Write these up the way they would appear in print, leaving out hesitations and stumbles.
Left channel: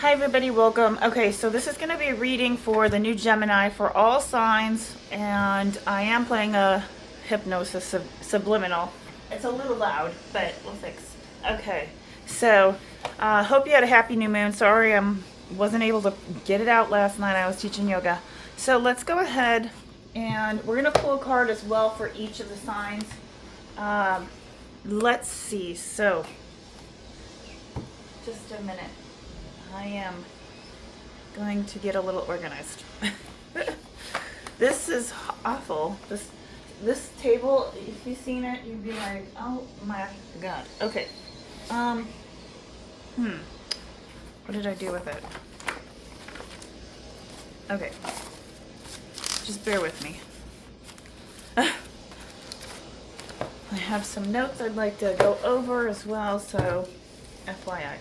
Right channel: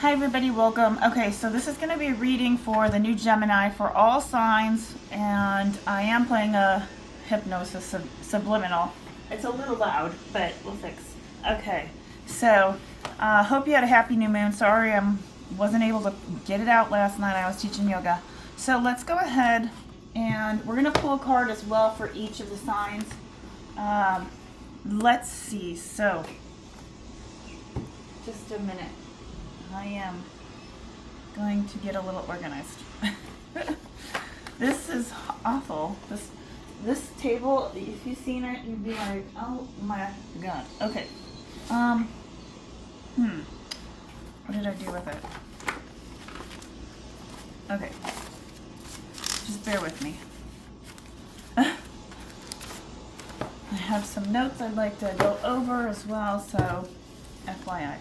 Hi everybody, welcome. Okay, so this is going to be a reading for the new Gemini for all signs, and I am playing a hypnosis subliminal. It's a little loud, but we'll fix. Okay, so hope you had a happy new moon. Sorry I wasn't able to get it out last night. I was teaching yoga. So let's go ahead and we're going to pull a card as well for each of the signs. Let's see. So just a minute. I am going to get a little organized. This is awful. This table, if you've seen it, you'd be like, oh my god. Okay. What did I do with it? Okay. Just bear with me. I have some notes I'd like to go over as well, so FYI.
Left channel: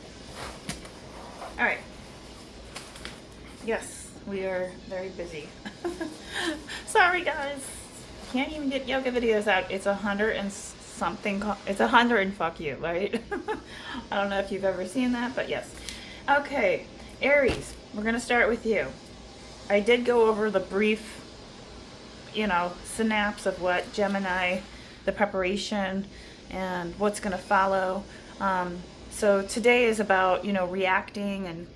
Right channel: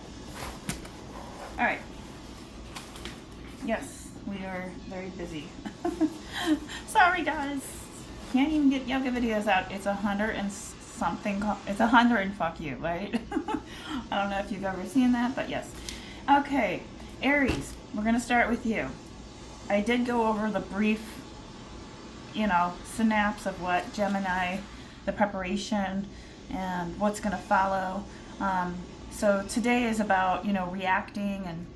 All right. Yes, we are very busy. Sorry, guys. Can't even get yoga videos out. It's 100 and something. It's 100 and fuck you, right? I don't know if you've ever seen that, but yes. Okay, Aries. We're gonna start with you. I did go over the brief, synapse of what Gemini, the preparation, and what's gonna follow. So today is about, reacting and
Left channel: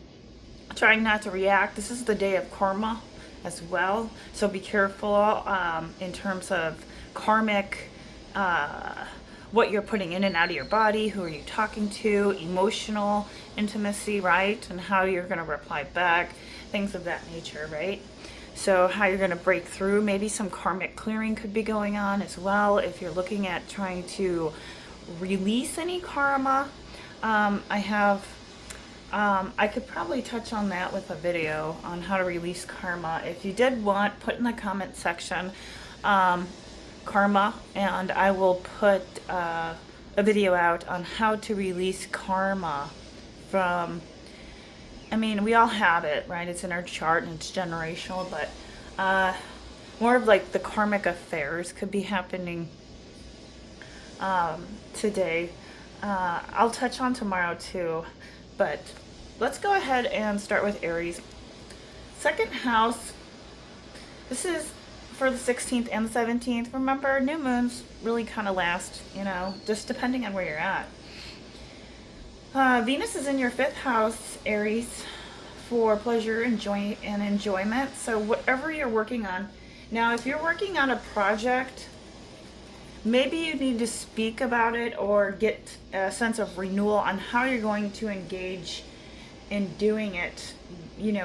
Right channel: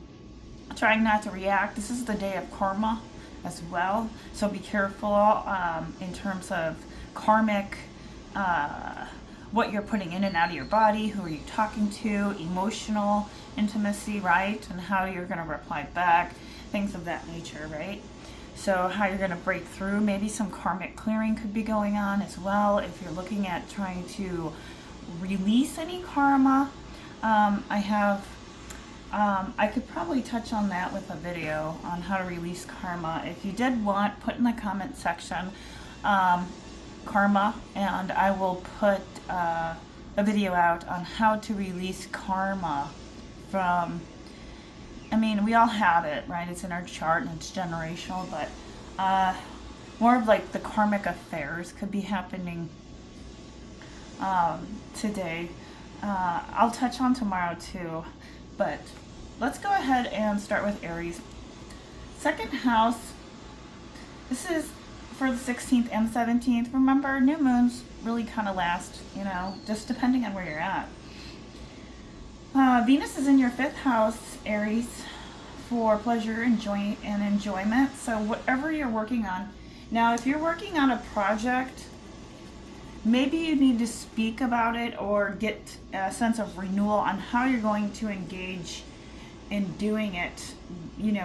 trying not to react. This is the day of karma as well. So be careful in terms of karmic, what you're putting in and out of your body, who are you talking to, emotional intimacy, right? And how you're going to reply back, things of that nature, right? So how you're going to break through. Maybe some karmic clearing could be going on as well if you're looking at trying to release any karma. I could probably touch on that with a video on how to release karma. If you did want, put in the comment section karma, and I will put a video out on how to release karma from, we all have it, right? It's in our chart and it's generational, but more of like the karmic affairs could be happening today. I'll touch on tomorrow too, but let's go ahead and start with Aries. Second house, this is for the 16th and 17th. Remember, new moons really kind of last, just depending on where you're at. Venus is in your 5th house, Aries, for pleasure and enjoyment. So whatever you're working on. Now, if you're working on a project, maybe you need to speak about it or get a sense of renewal on how you're going to engage in doing it,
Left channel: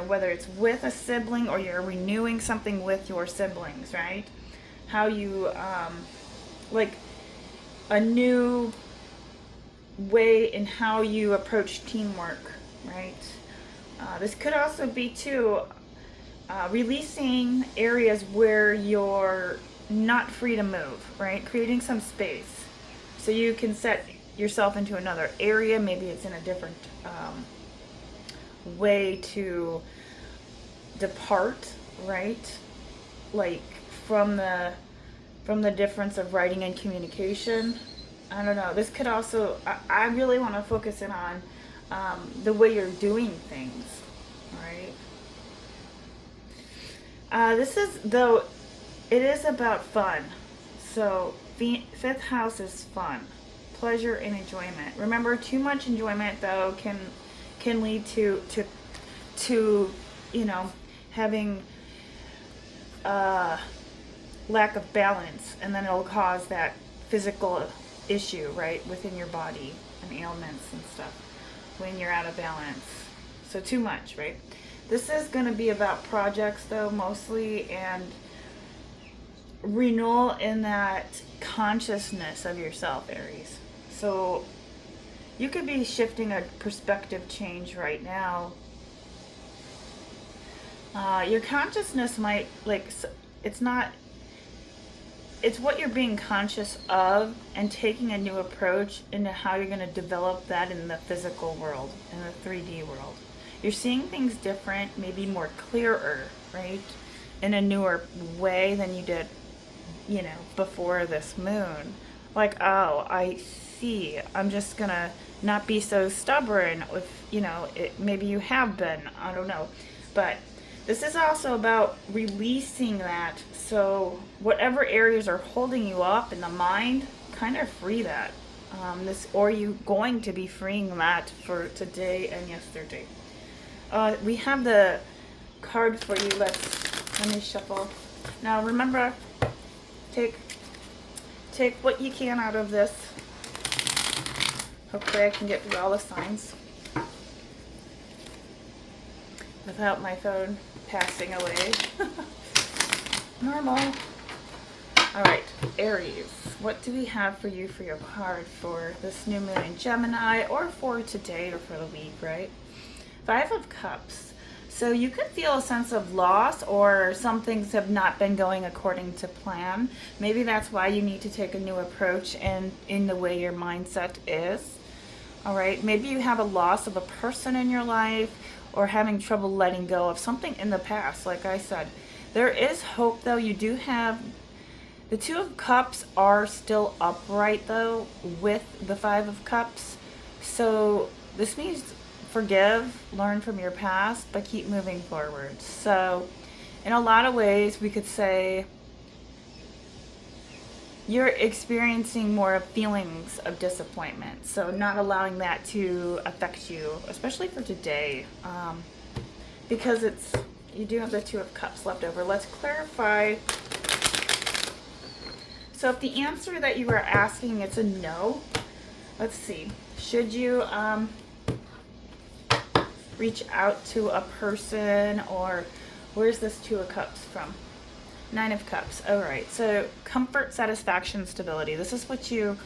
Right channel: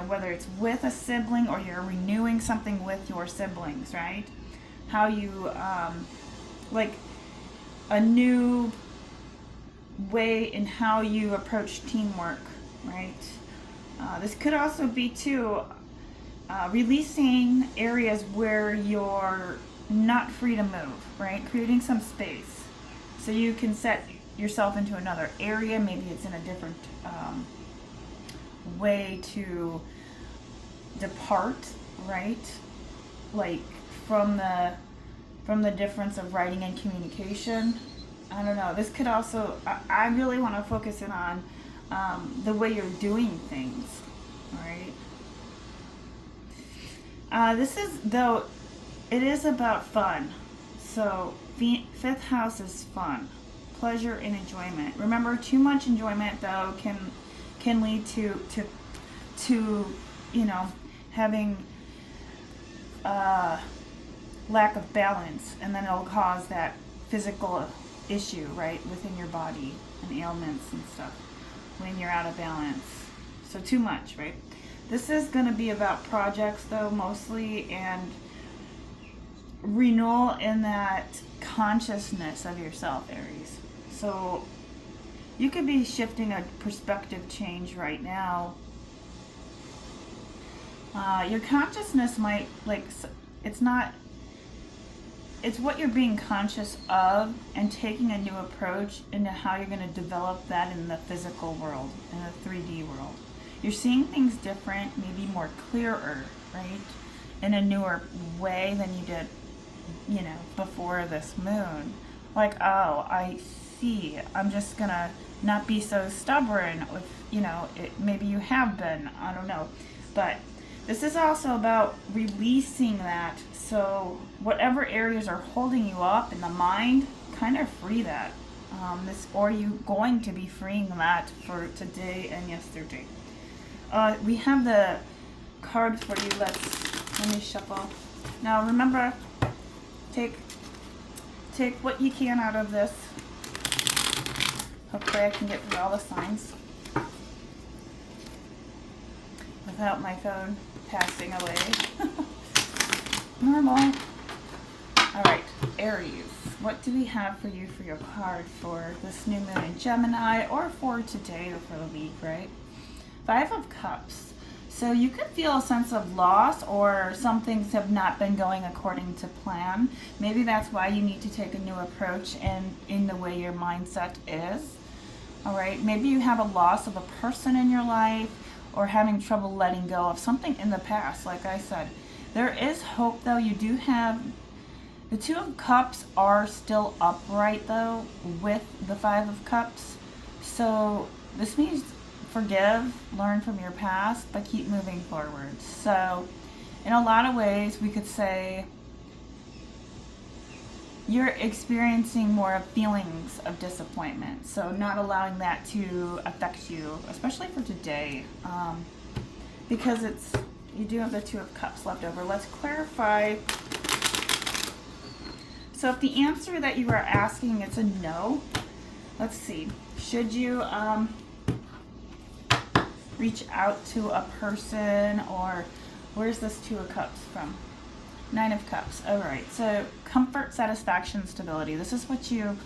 whether it's with a sibling or you're renewing something with your siblings, right? How you, like a new way in how you approach teamwork, right? This could also be too, releasing areas where you're not free to move, right? Creating some space so you can set yourself into another area. Maybe it's in a different way to depart, right? Like from the difference of writing and communication. I don't know. This could also, I really want to focus in on the way you're doing things, right? This is, though, it is about fun. So 5th house is fun, pleasure and enjoyment. Remember, too much enjoyment though can lead to having lack of balance, and then it'll cause that physical issue, right, within your body and ailments and stuff when you're out of balance. So too much, right? This is going to be about projects though, mostly, and renewal in that consciousness of yourself, Aries. So you could be shifting a perspective change right now. Your consciousness might, it's what you're being conscious of and taking a new approach into how you're going to develop that in the physical world, in the 3D world. You're seeing things different, maybe more clearer, right? In a newer way than you did, before this moon. Like, oh, I see. I'm just gonna not be so stubborn if, you know, maybe you have been, I don't know. But this is also about releasing that. So whatever areas are holding you up in the mind, kind of free that. Or you going to be freeing that for today and yesterday. We have the card for you. Let me shuffle. Now remember, take what you can out of this. Hopefully I can get through all the signs without my phone passing away. Normal. Alright, Aries. What do we have for you for your card for this new moon in Gemini, or for today, or for the week, right? Five of Cups. So you could feel a sense of loss, or some things have not been going according to plan. Maybe that's why you need to take a new approach in the way your mindset is. All right, maybe you have a loss of a person in your life, or having trouble letting go of something in the past. Like I said, there is hope, though. You do have the Two of Cups are still upright, though, with the Five of Cups. So this means forgive, learn from your past, but keep moving forward. So in a lot of ways, we could say you're experiencing more of feelings of disappointment. So not allowing that to affect you, especially for today, because you do have the Two of Cups left over. Let's clarify. So if the answer that you are asking is a no, let's see. Should you reach out to a person, or where's this Two of Cups from? Nine of Cups. All right. So comfort, satisfaction, stability. This is what you're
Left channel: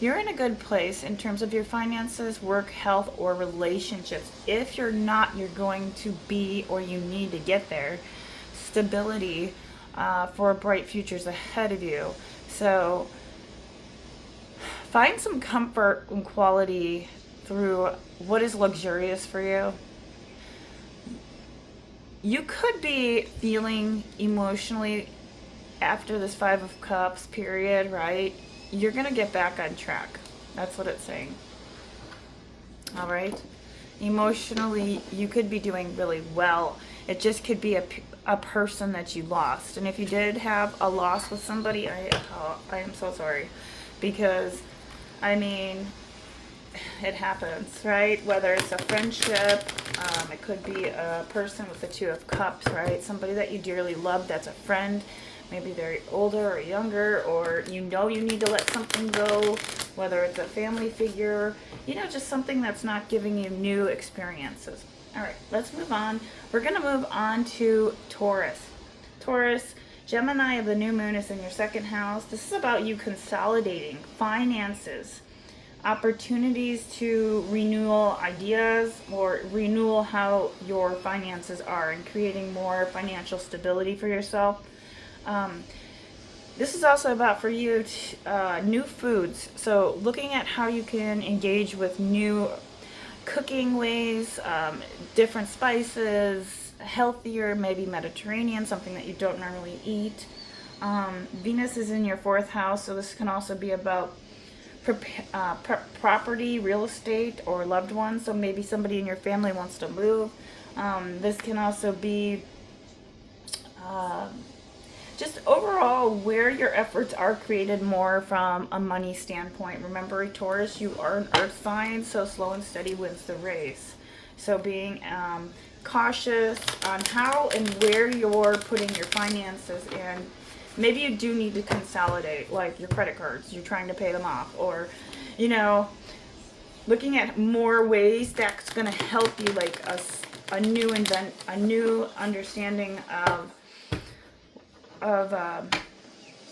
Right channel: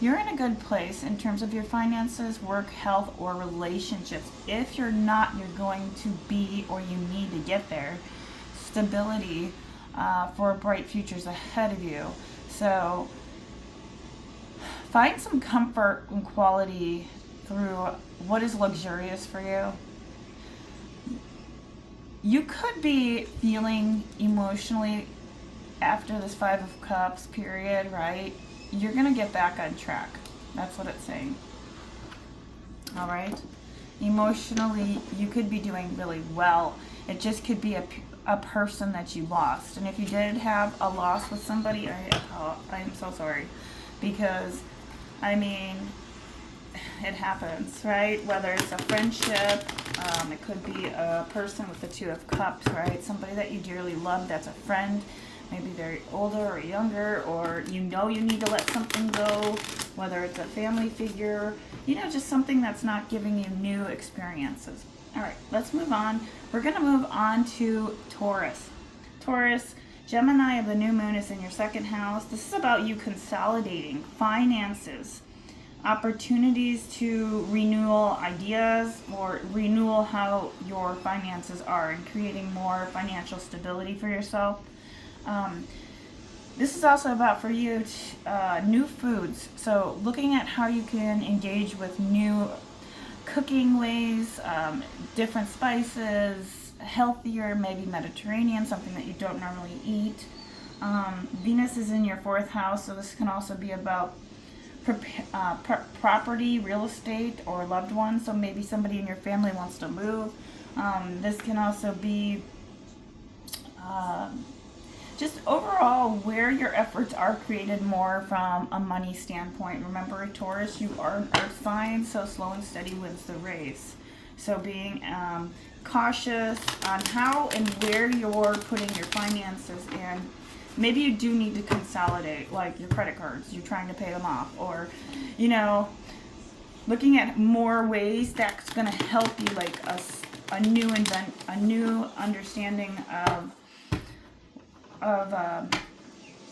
in a good place in terms of your finances, work, health, or relationships. If you're not, you're going to be, or you need to get there. Stability for bright futures ahead of you. So find some comfort and quality through what is luxurious for you. You could be feeling emotionally after this Five of Cups period, right? You're going to get back on track. That's what it's saying. All right? Emotionally, you could be doing really well. It just could be a person that you lost. And if you did have a loss with somebody, I am so sorry. Because, I mean, it happens, right? Whether it's a friendship, it could be a person with the Two of Cups, right? Somebody that you dearly love that's a friend. Maybe they're older or younger, or you know you need to let something go, whether it's a family figure, you know, just something that's not giving you new experiences. All right, let's move on. We're going to move on to Taurus. Taurus, Gemini of the new moon is in your second house. This is about you consolidating finances, opportunities to renewal ideas, or renewal how your finances are, and creating more financial stability for yourself. This is also about, for you, new foods. So looking at how you can engage with new cooking ways, different spices, healthier, maybe Mediterranean, something that you don't normally eat. Venus is in your fourth house, so this can also be about property, real estate, or loved ones. So maybe somebody in your family wants to move. This can also be just overall where your efforts are created more from a money standpoint. Remember, Taurus, you are an earth sign, so slow and steady wins the race. So being cautious on how and where you're putting your finances in. Maybe you do need to consolidate, like your credit cards. You're trying to pay them off, or, you know, looking at more ways that's going to help you, like a new understanding of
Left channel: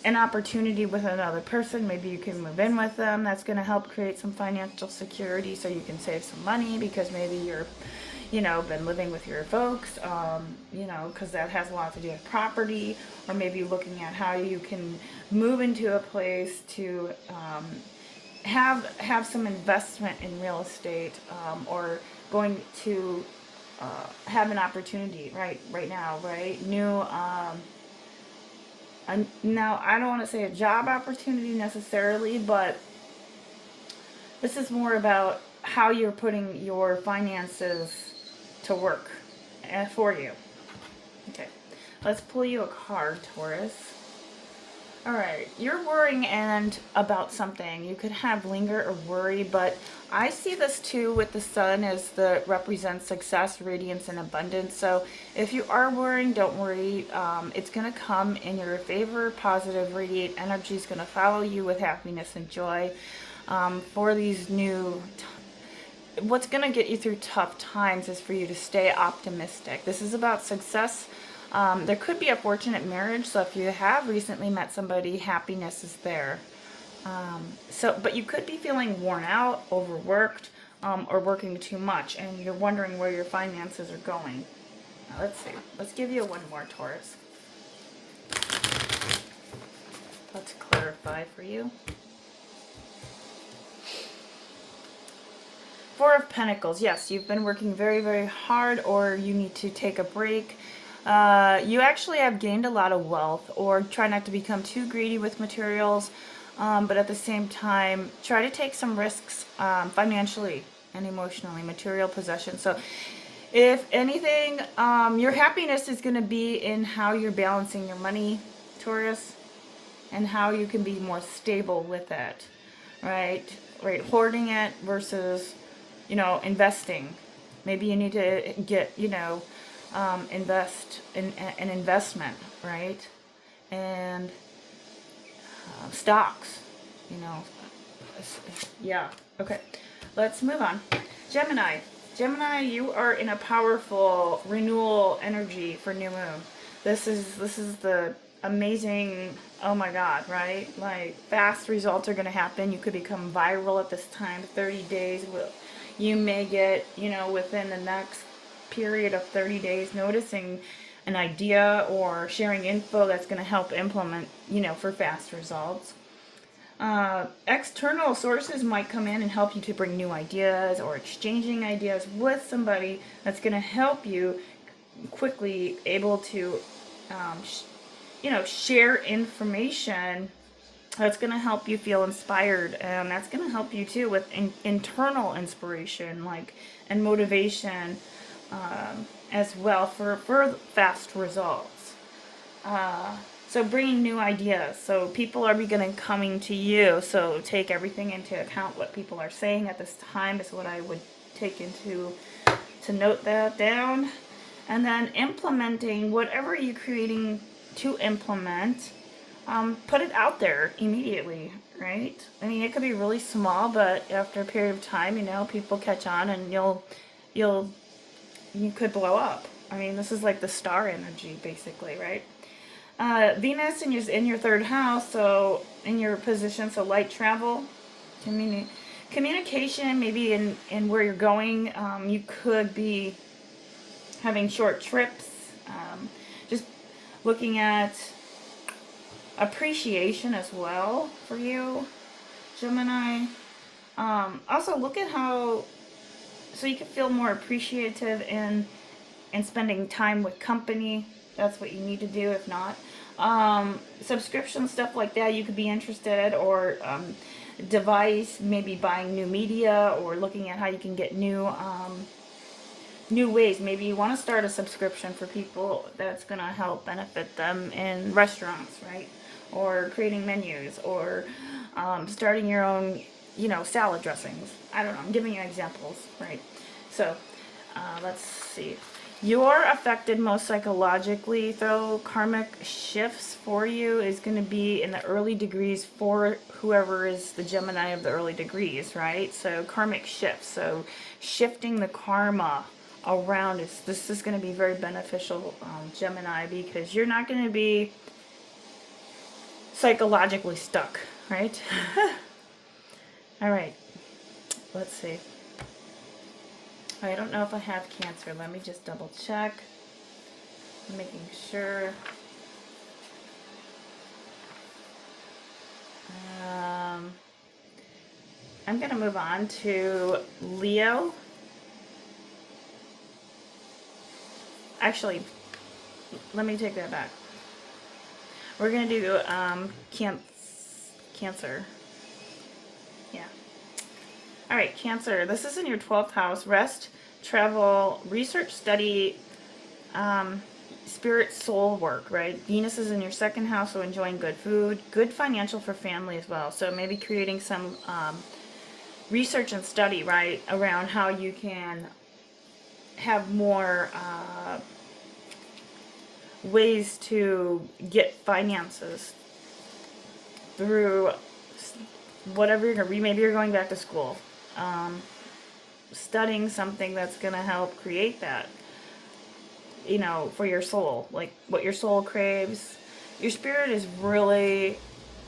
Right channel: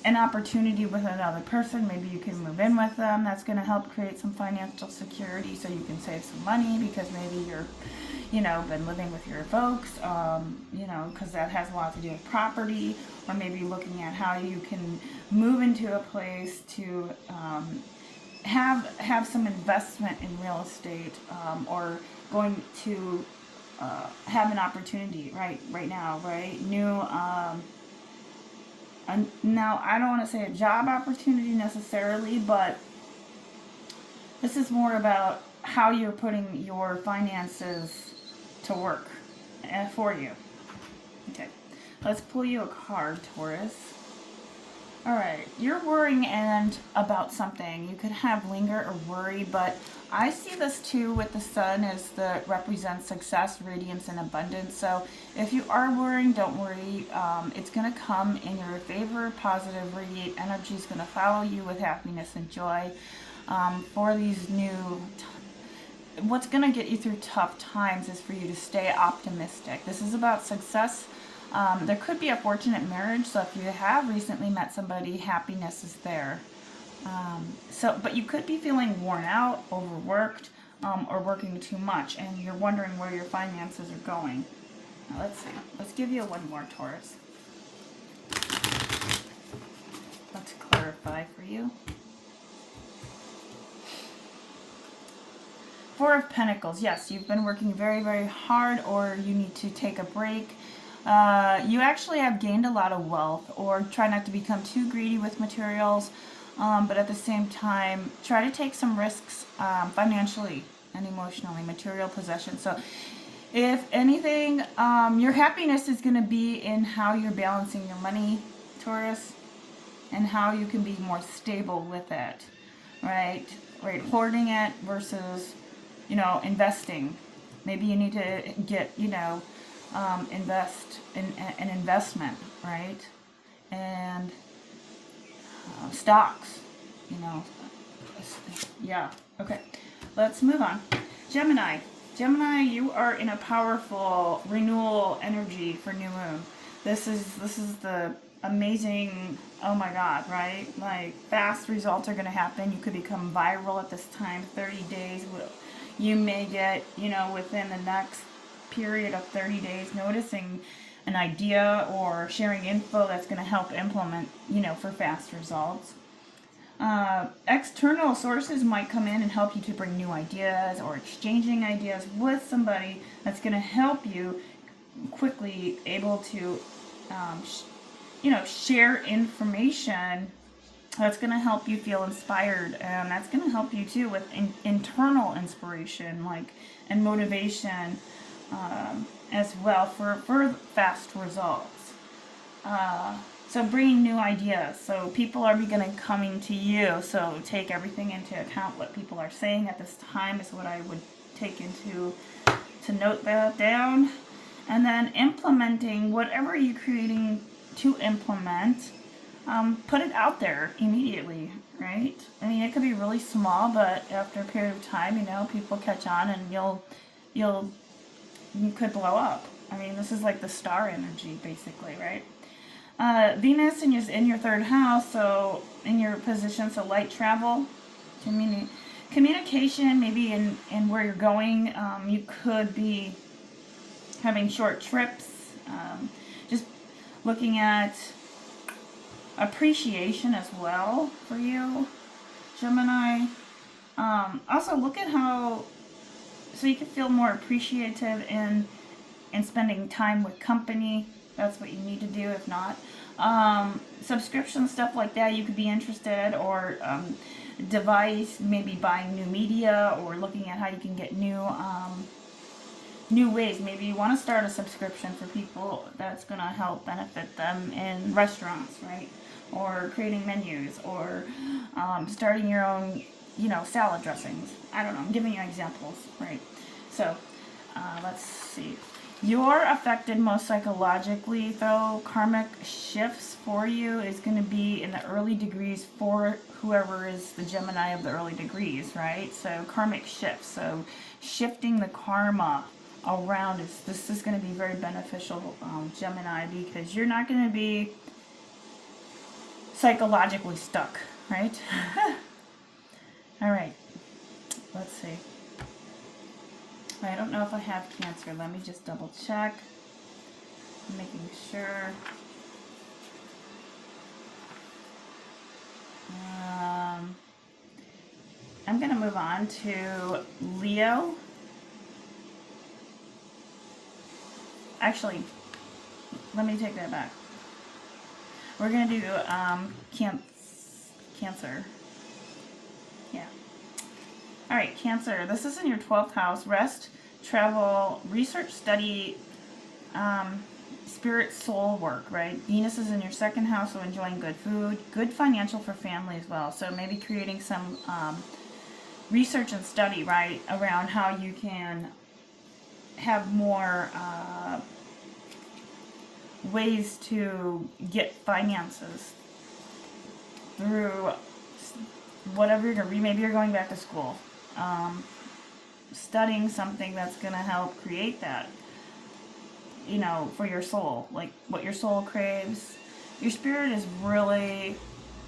an opportunity with another person. Maybe you can move in with them. That's going to help create some financial security, so you can save some money, because maybe you're, you know, been living with your folks, you know, because that has a lot to do with property. Or maybe looking at how you can move into a place to have some investment in real estate, or going to have an opportunity right now, right? New now, I don't want to say a job opportunity necessarily, but this is more about how you're putting your finances to work for you. Okay, let's pull you a card, Taurus. All right, you're worrying and about something. You could have linger or worry, but I see this too with the sun as the represents success, radiance, and abundance. So if you are worrying, don't worry. It's going to come in your favor. Positive, radiate energy is going to follow you with happiness and joy for these new. What's going to get you through tough times is for you to stay optimistic. This is about success. There could be a fortunate marriage, so if you have recently met somebody, happiness is there. But you could be feeling worn out, overworked, or working too much, and you're wondering where your finances are going. Now, let's see. Let's give you one more, Taurus. Let's clarify for you. Four of Pentacles. Yes, you've been working very, very hard, or you need to take a break. You actually have gained a lot of wealth, or try not to become too greedy with materials, but at the same time, try to take some risks financially and emotionally, material possession. So if anything, your happiness is going to be in how you're balancing your money, Taurus, and how you can be more stable with it, right? Right, hoarding it versus, investing. Maybe you need to get, invest in an investment, right? And stocks, yeah. Okay, let's move on. Gemini. Gemini, you are in a powerful renewal energy for new moon. This is the amazing, oh my God, right? Like, fast results are going to happen. You could become viral at this time. 30 days. You may get, within the next period of 30 days, noticing an idea or sharing info that's going to help implement, for fast results. External sources might come in and help you to bring new ideas, or exchanging ideas with somebody that's going to help you quickly able to, share information that's going to help you feel inspired, and that's going to help you too with internal inspiration, and motivation, as well for fast results. So bringing new ideas. So people are coming to you. So take everything into account. What people are saying at this time is what I would take to note that down. And then implementing whatever you're creating to implement. Put it out there immediately, right? I mean, it could be really small, but after a period of time, people catch on, and you could blow up. I mean, this is like the star energy, basically, right? Venus in your third house, so in your position, so light travel, communication, maybe in where you're going. You could be having short trips, just looking at appreciation as well for you, Gemini. Also look at so you can feel more appreciative in spending time with company. That's what you need to do. If not, subscription stuff like that, you could be interested, or device, maybe buying new media, or looking at how you can get new ways. Maybe you want to start a subscription for people that's going to help benefit them in restaurants, right? Or creating menus, or starting your own, salad dressings. I don't know. I'm giving you examples, right? So let's see. You're affected most psychologically, though. Karmic shifts for you is going to be in the early degrees for whoever is the Gemini of the early degrees, right? So karmic shifts. So shifting the karma around this is going to be very beneficial, Gemini, because you're not going to be psychologically stuck, right? All right. Let's see. I don't know if I have Cancer. Let me just double check. I'm making sure. I'm going to move on to Leo. Actually, let me take that back. We're going to do Cancer. Yeah. All right, Cancer. This is in your 12th house. Rest, travel, research, study, spirit, soul work, right? Venus is in your 2nd house, so enjoying good food, good financial for family as well. So maybe creating some research and study, right, around how you can have more ways to get finances through whatever you're going to read. Maybe you're going back to school, studying something that's going to help create that, you know, for your soul, like what your soul craves. Your spirit is really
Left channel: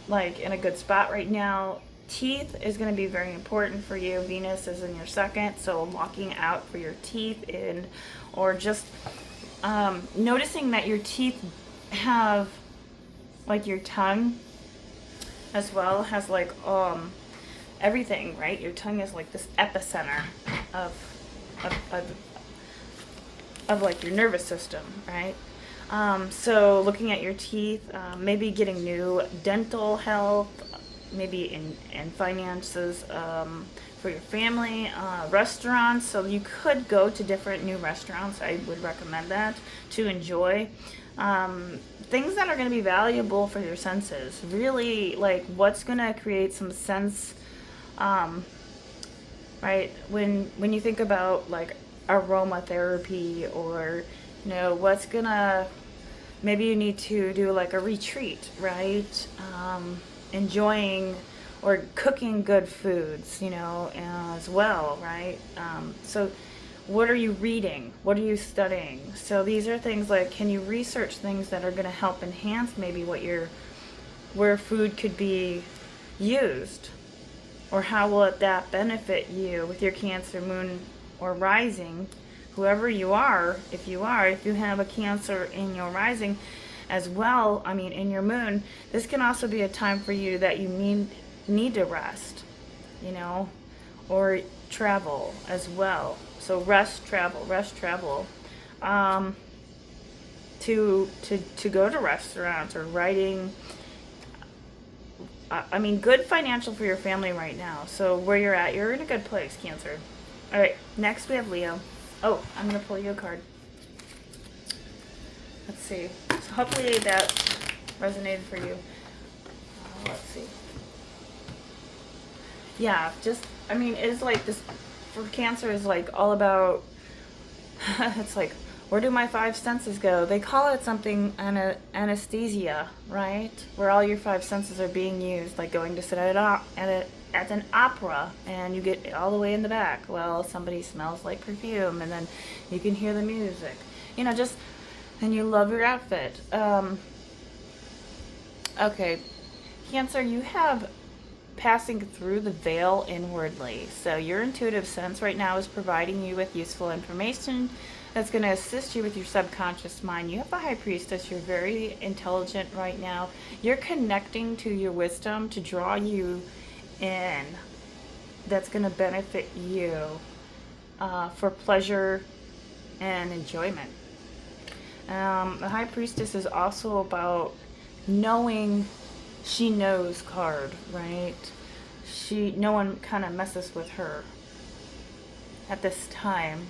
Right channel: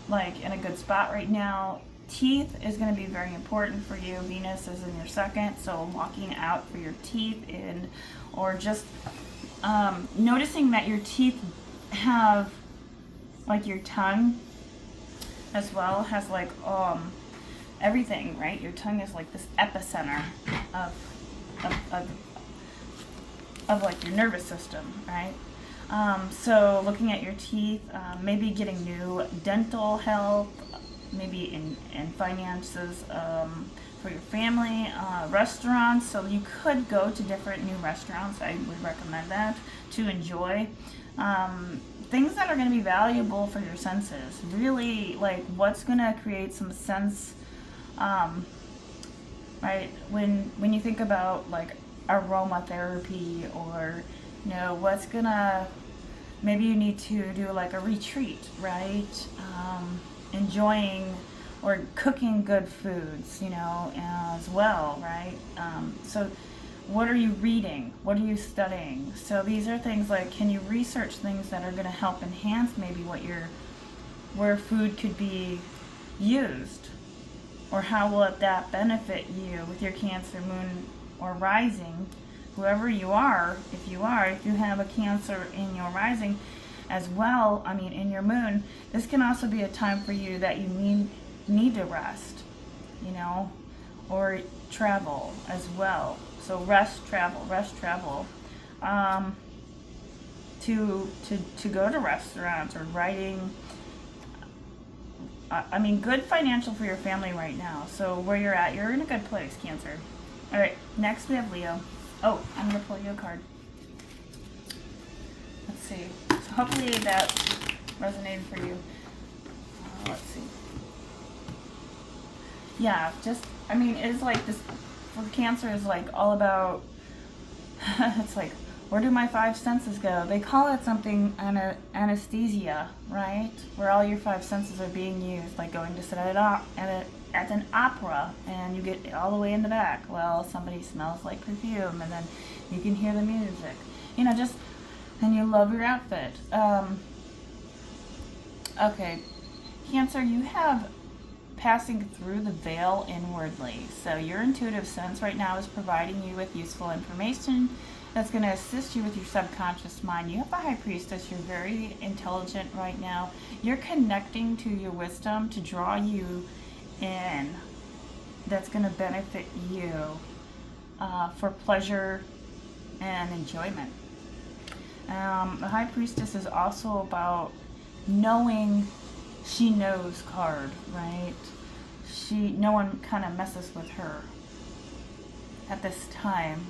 like in a good spot right now. Teeth is going to be very important for you. Venus is in your 2nd, so walking out for your teeth in, or just noticing that your teeth have, like your tongue as well has like everything, right? Your tongue is like this epicenter of of, of, of like your nervous system, right? So looking at your teeth, maybe getting new dental health, maybe in finances for your family, restaurants. So you could go to different new restaurants. I would recommend that to enjoy. Things that are going to be valuable for your senses. Really, like what's going to create some sense, right? When you think about like aromatherapy, or you know what's gonna, maybe you need to do like a retreat, right? Enjoying or cooking good foods, you know, as well, right? So what are you reading? What are you studying? So these are things like, can you research things that are going to help enhance maybe where food could be used, or how will that benefit you with your Cancer moon or rising, whoever you are. If you have a Cancer in your rising as well, I mean in your moon, this can also be a time for you that you need to rest, you know, or travel as well. So rest, travel, to go to restaurants or writing. I mean, good financial for your family right now. So where you're at, you're in a good place, Cancer. All right, next we have Leo. Oh, I'm going to pull you a card. Let's see. So hopefully that resonated for you. Let's see. Yeah, just, I mean, it's like this, for Cancer, is like all about, it's like, where do my 5 senses go? They call it something anesthesia, right? Where all your 5 senses are being used, like going to sit at an opera and you get all the way in the back. Well, somebody smells like perfume, and then you can hear the music. You know, just, and you love your outfit. Okay, Cancer, you have passing through the veil inwardly. So your intuitive sense right now is providing you with useful information that's going to assist you with your subconscious mind. You have the High Priestess. You're very intelligent right now. You're connecting to your wisdom to draw you in. That's going to benefit you for pleasure and enjoyment. The High Priestess is also about knowing. She knows card, right? No one kind of messes with her at this time.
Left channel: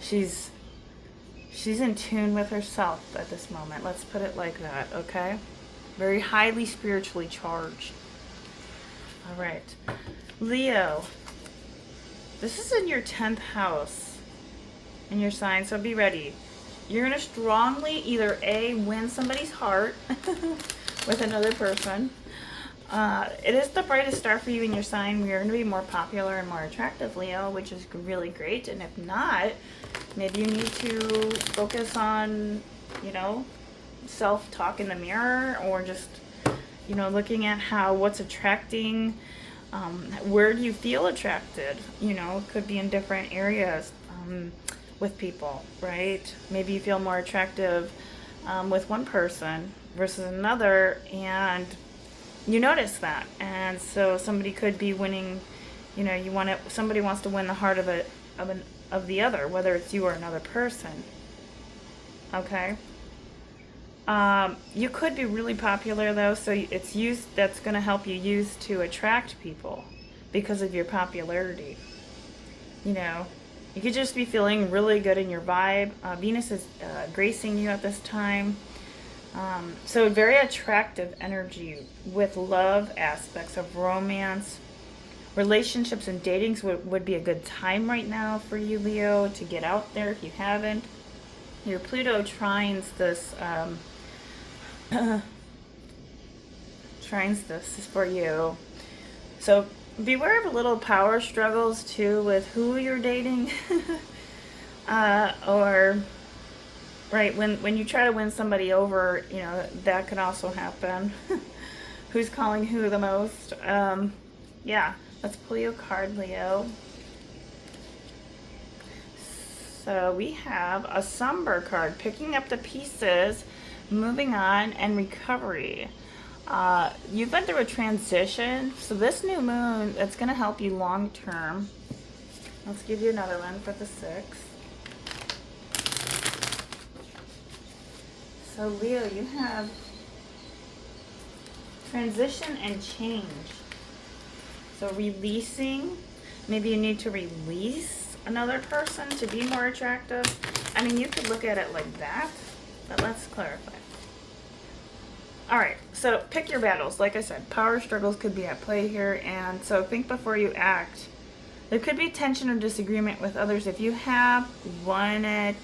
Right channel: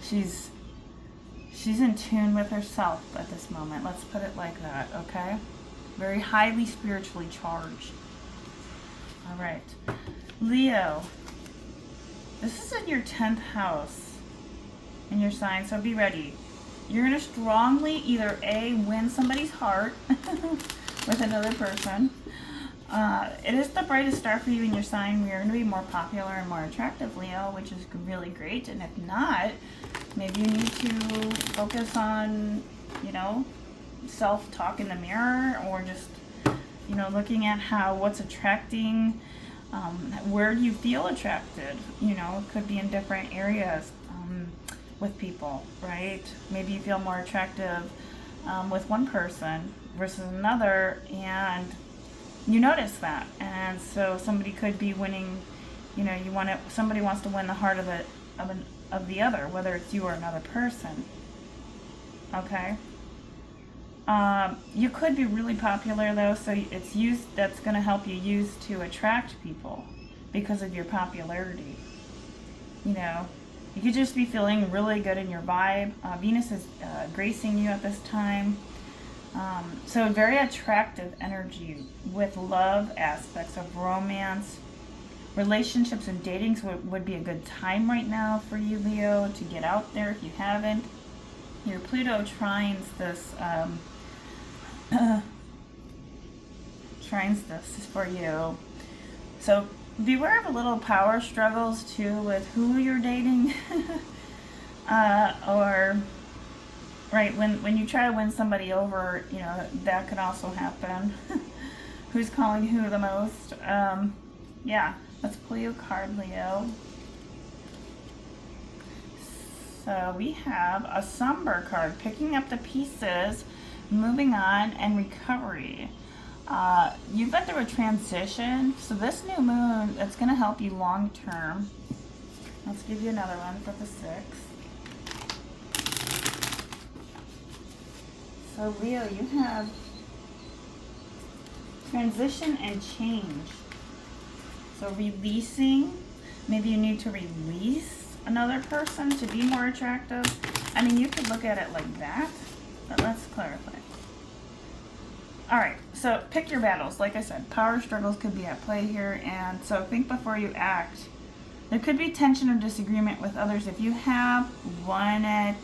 She's in tune with herself at this moment. Let's put it like that, okay? Very highly spiritually charged. All right. Leo, this is in your 10th house in your sign, so be ready. You're going to strongly either A, win somebody's heart with another person. It is the brightest star for you in your sign. You're going to be more popular and more attractive, Leo, which is really great. And if not, maybe you need to focus on, you know, self-talk in the mirror, or just, you know, looking at what's attracting, where do you feel attracted? You know, it could be in different areas with people, right? Maybe you feel more attractive with one person versus another, and you notice that. And so somebody could be winning, you know, somebody wants to win the heart of the other, whether it's you or another person. Okay? You could be really popular though, so that's going to help you use to attract people, because of your popularity. You know, you could just be feeling really good in your vibe. Venus is gracing you at this time. So very attractive energy with love aspects of romance. Relationships and datings would be a good time right now for you, Leo, to get out there if you haven't. Your Pluto trines this for you. So beware of little power struggles too with who you're dating. Or right, when you try to win somebody over, you know, that can also happen. Who's calling who the most? Yeah, let's pull you a card, Leo. So we have a somber card, picking up the pieces, moving on, and recovery. You've been through a transition, so this new moon, that's going to help you long term. Let's give you another one for the 6. So Leo, you have transition and change. So releasing, maybe you need to release another person to be more attractive. I mean, you could look at it like that, but let's clarify. All right, so pick your battles. Like I said, power struggles could be at play here, and so think before you act. There could be tension or disagreement with others. If you have won it,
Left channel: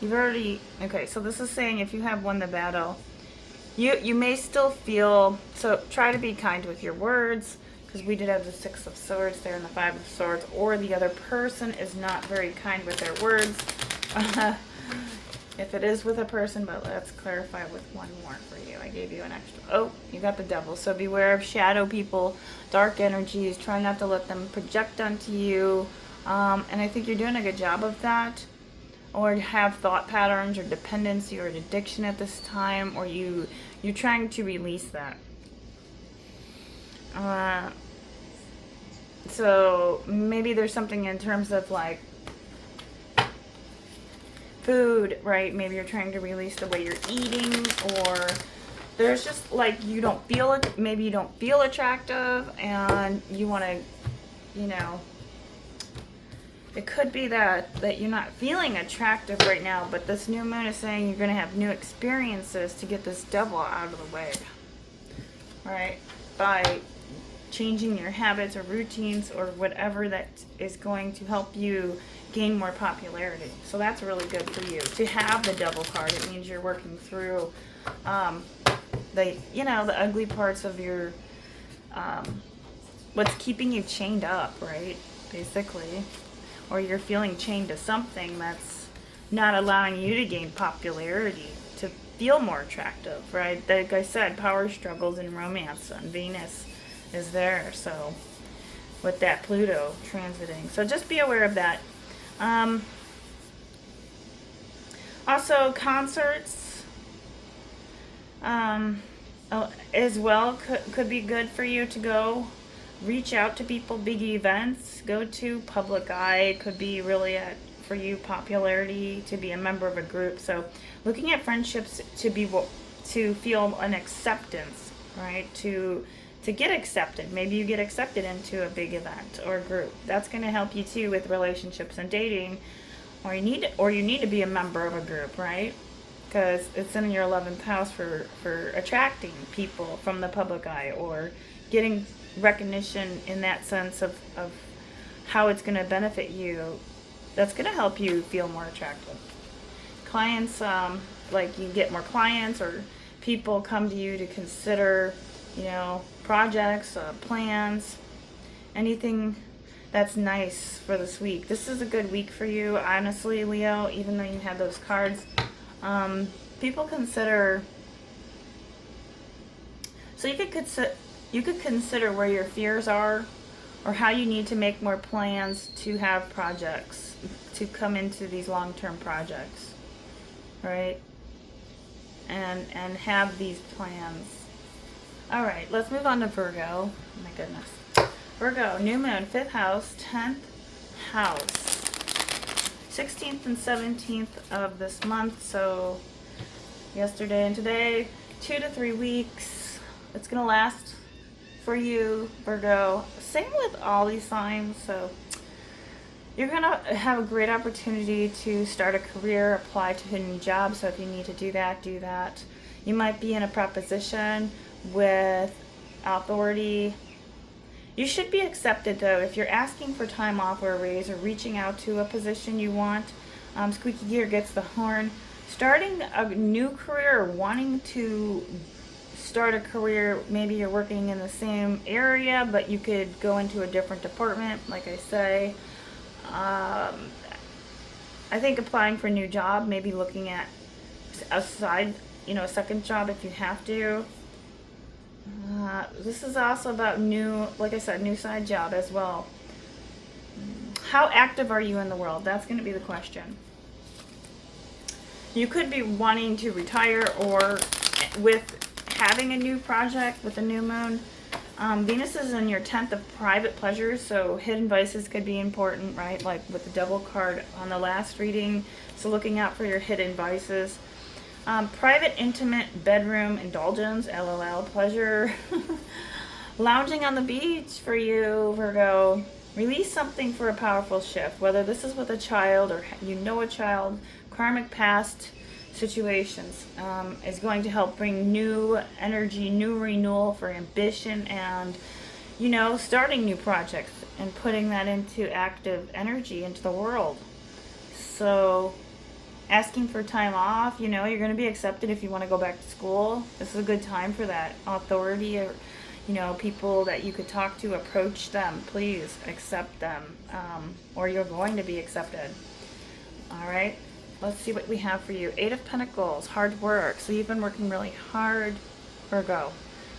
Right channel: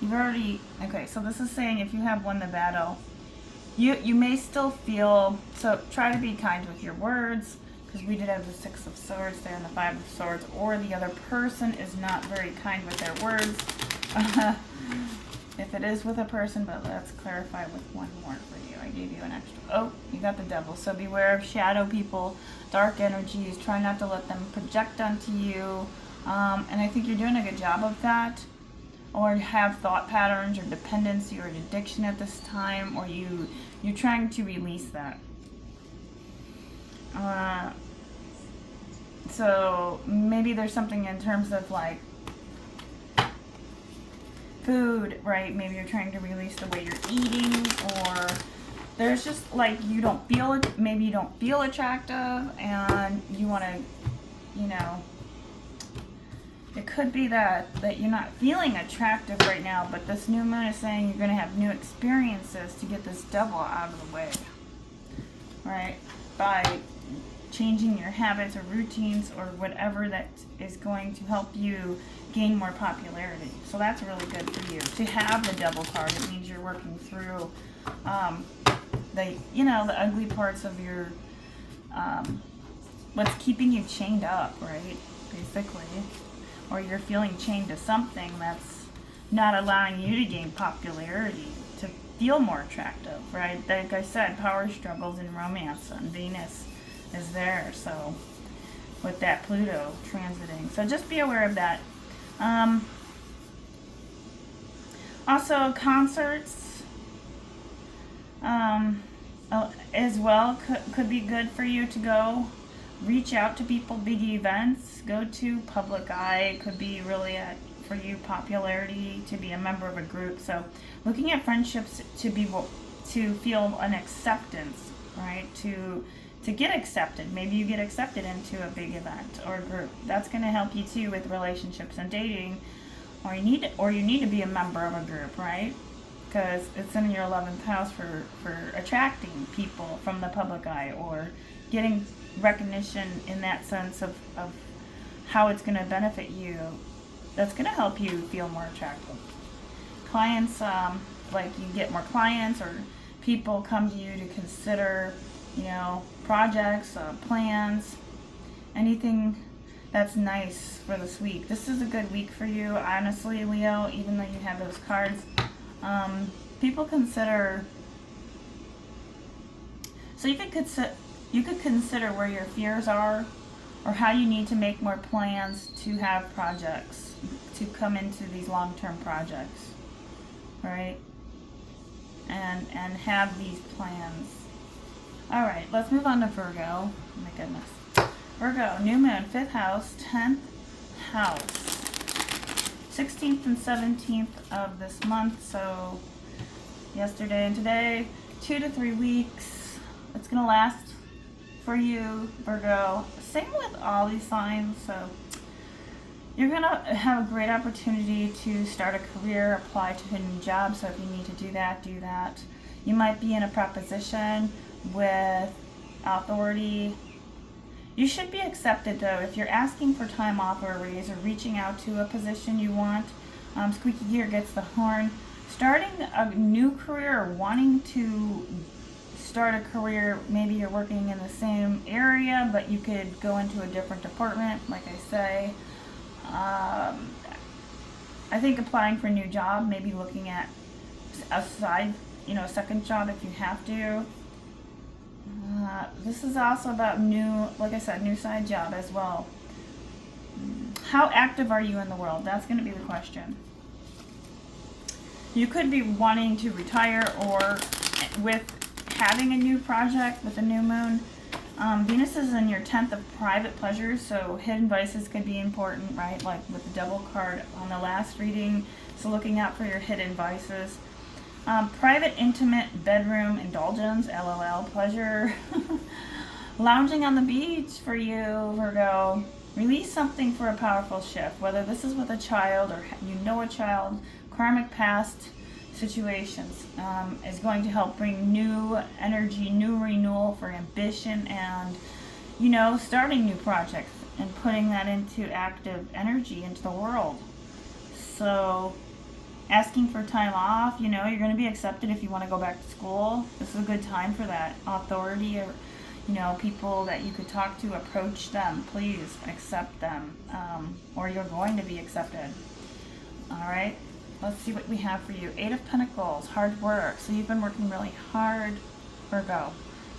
you've already, okay, so this is saying if you have won the battle, you may still feel, so try to be kind with your words, because we did have the 6 of Swords there and the 5 of Swords, or the other person is not very kind with their words. If it is with a person, but let's clarify with one more for you. I gave you an extra. Oh, you got the Devil. So beware of shadow people, dark energies. Try not to let them project onto you. And I think you're doing a good job of that. Or have thought patterns or dependency or addiction at this time, or you're trying to release that. So maybe there's something in terms of like food, right? Maybe you're trying to release the way you're eating, or there's just like you don't feel it. Maybe you don't feel attractive, and you want to, you know. It could be that you're not feeling attractive right now, but this new moon is saying you're going to have new experiences to get this devil out of the way, right? By changing your habits or routines or whatever that is going to help you gain more popularity. So that's really good for you. To have the Devil card, it means you're working through the ugly parts of your, what's keeping you chained up, right? Basically. Or you're feeling chained to something that's not allowing you to gain popularity, to feel more attractive, right? Like I said, power struggles in romance, and Venus is there, so with that Pluto transiting. So just be aware of that. Also, concerts as well could be good for you to go. Reach out to people, big events, go to public eye, could be really for you popularity, to be a member of a group. So looking at friendships to feel an acceptance, right? To get accepted. Maybe you get accepted into a big event or group. That's going to help you too with relationships and dating, or you need to be a member of a group, right? Because it's in your 11th house for attracting people from the public eye, or getting recognition in that sense of how it's going to benefit you. That's going to help you feel more attractive. Clients, like you get more clients, or people come to you to consider, projects, plans, anything that's nice for this week. This is a good week for you, honestly, Leo, even though you had those cards. People consider, so you could consider where your fears are, or how you need to make more plans to have projects, to come into these long-term projects, right? And have these plans. All right, let's move on to Virgo. Oh my goodness. Virgo, new moon, 5th house, 10th house. 16th and 17th of this month, so yesterday and today, 2 to 3 weeks. It's going to last for you, Virgo. same with all these signs. So you're going to have a great opportunity to start a career, apply to a new job. So if you need to do that, do that. You might be in a proposition with authority. You should be accepted, though. If you're asking for time off or a raise or reaching out to a position you want, squeaky gear gets the horn. Starting a new career or wanting to start a career, maybe you're working in the same area, but you could go into a different department, like I say. I think applying for a new job, maybe looking at a side, a second job if you have to. This is also about new, like I said, new side job as well. How active are you in the world? That's going to be the question. You could be wanting to retire, or with having a new project with a new moon. Venus is in your 10th of private pleasures, so hidden vices could be important, right? Like with the Devil card on the last reading. So looking out for your hidden vices. Private, intimate, bedroom, indulgence, LOL, pleasure. Lounging on the beach for you, Virgo. Release something for a powerful shift, whether this is with a child or a child. Karmic past situations is going to help bring new energy, new renewal for ambition, and starting new projects and putting that into active energy into the world. So asking for time off, you're going to be accepted if you want to go back to school. This is a good time for that. Authority, or people that you could talk to, approach them, please accept them, or you're going to be accepted. All right, let's see what we have for you. 8 of Pentacles, hard work. So you've been working really hard, Virgo.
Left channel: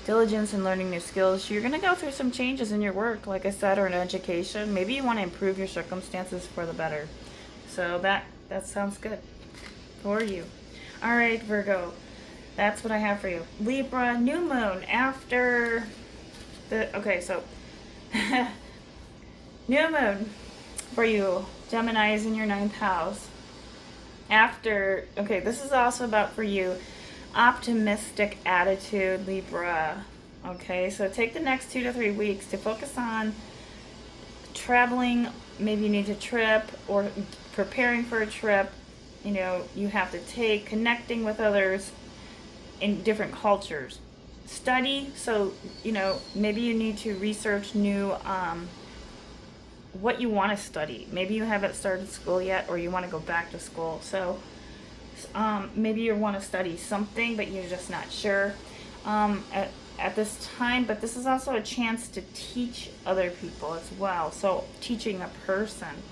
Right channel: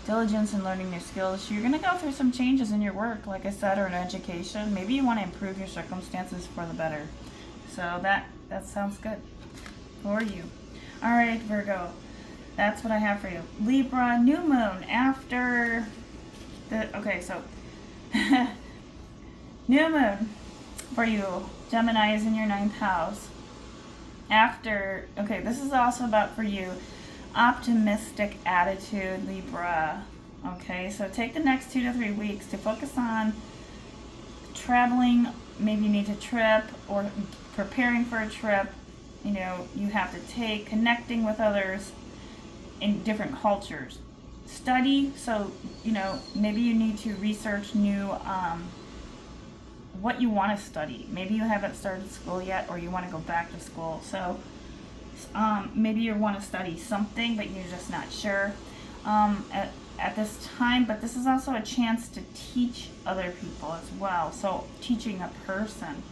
Diligence in learning new skills. You're going to go through some changes in your work, like I said, or in education. Maybe you want to improve your circumstances for the better. So that sounds good for you. All right, Virgo, that's what I have for you. Libra, new moon after so new moon for you. Gemini is in your 9th house. This is also about for you, optimistic attitude, Libra. Okay, so take the next 2 to 3 weeks to focus on traveling. Maybe you need a trip or preparing for a trip. You have to take, connecting with others in different cultures. Study, so maybe you need to research new what you want to study. Maybe you haven't started school yet, or you want to go back to school. So maybe you want to study something, but you're just not sure at this time. But this is also a chance to teach other people as well. So teaching a person.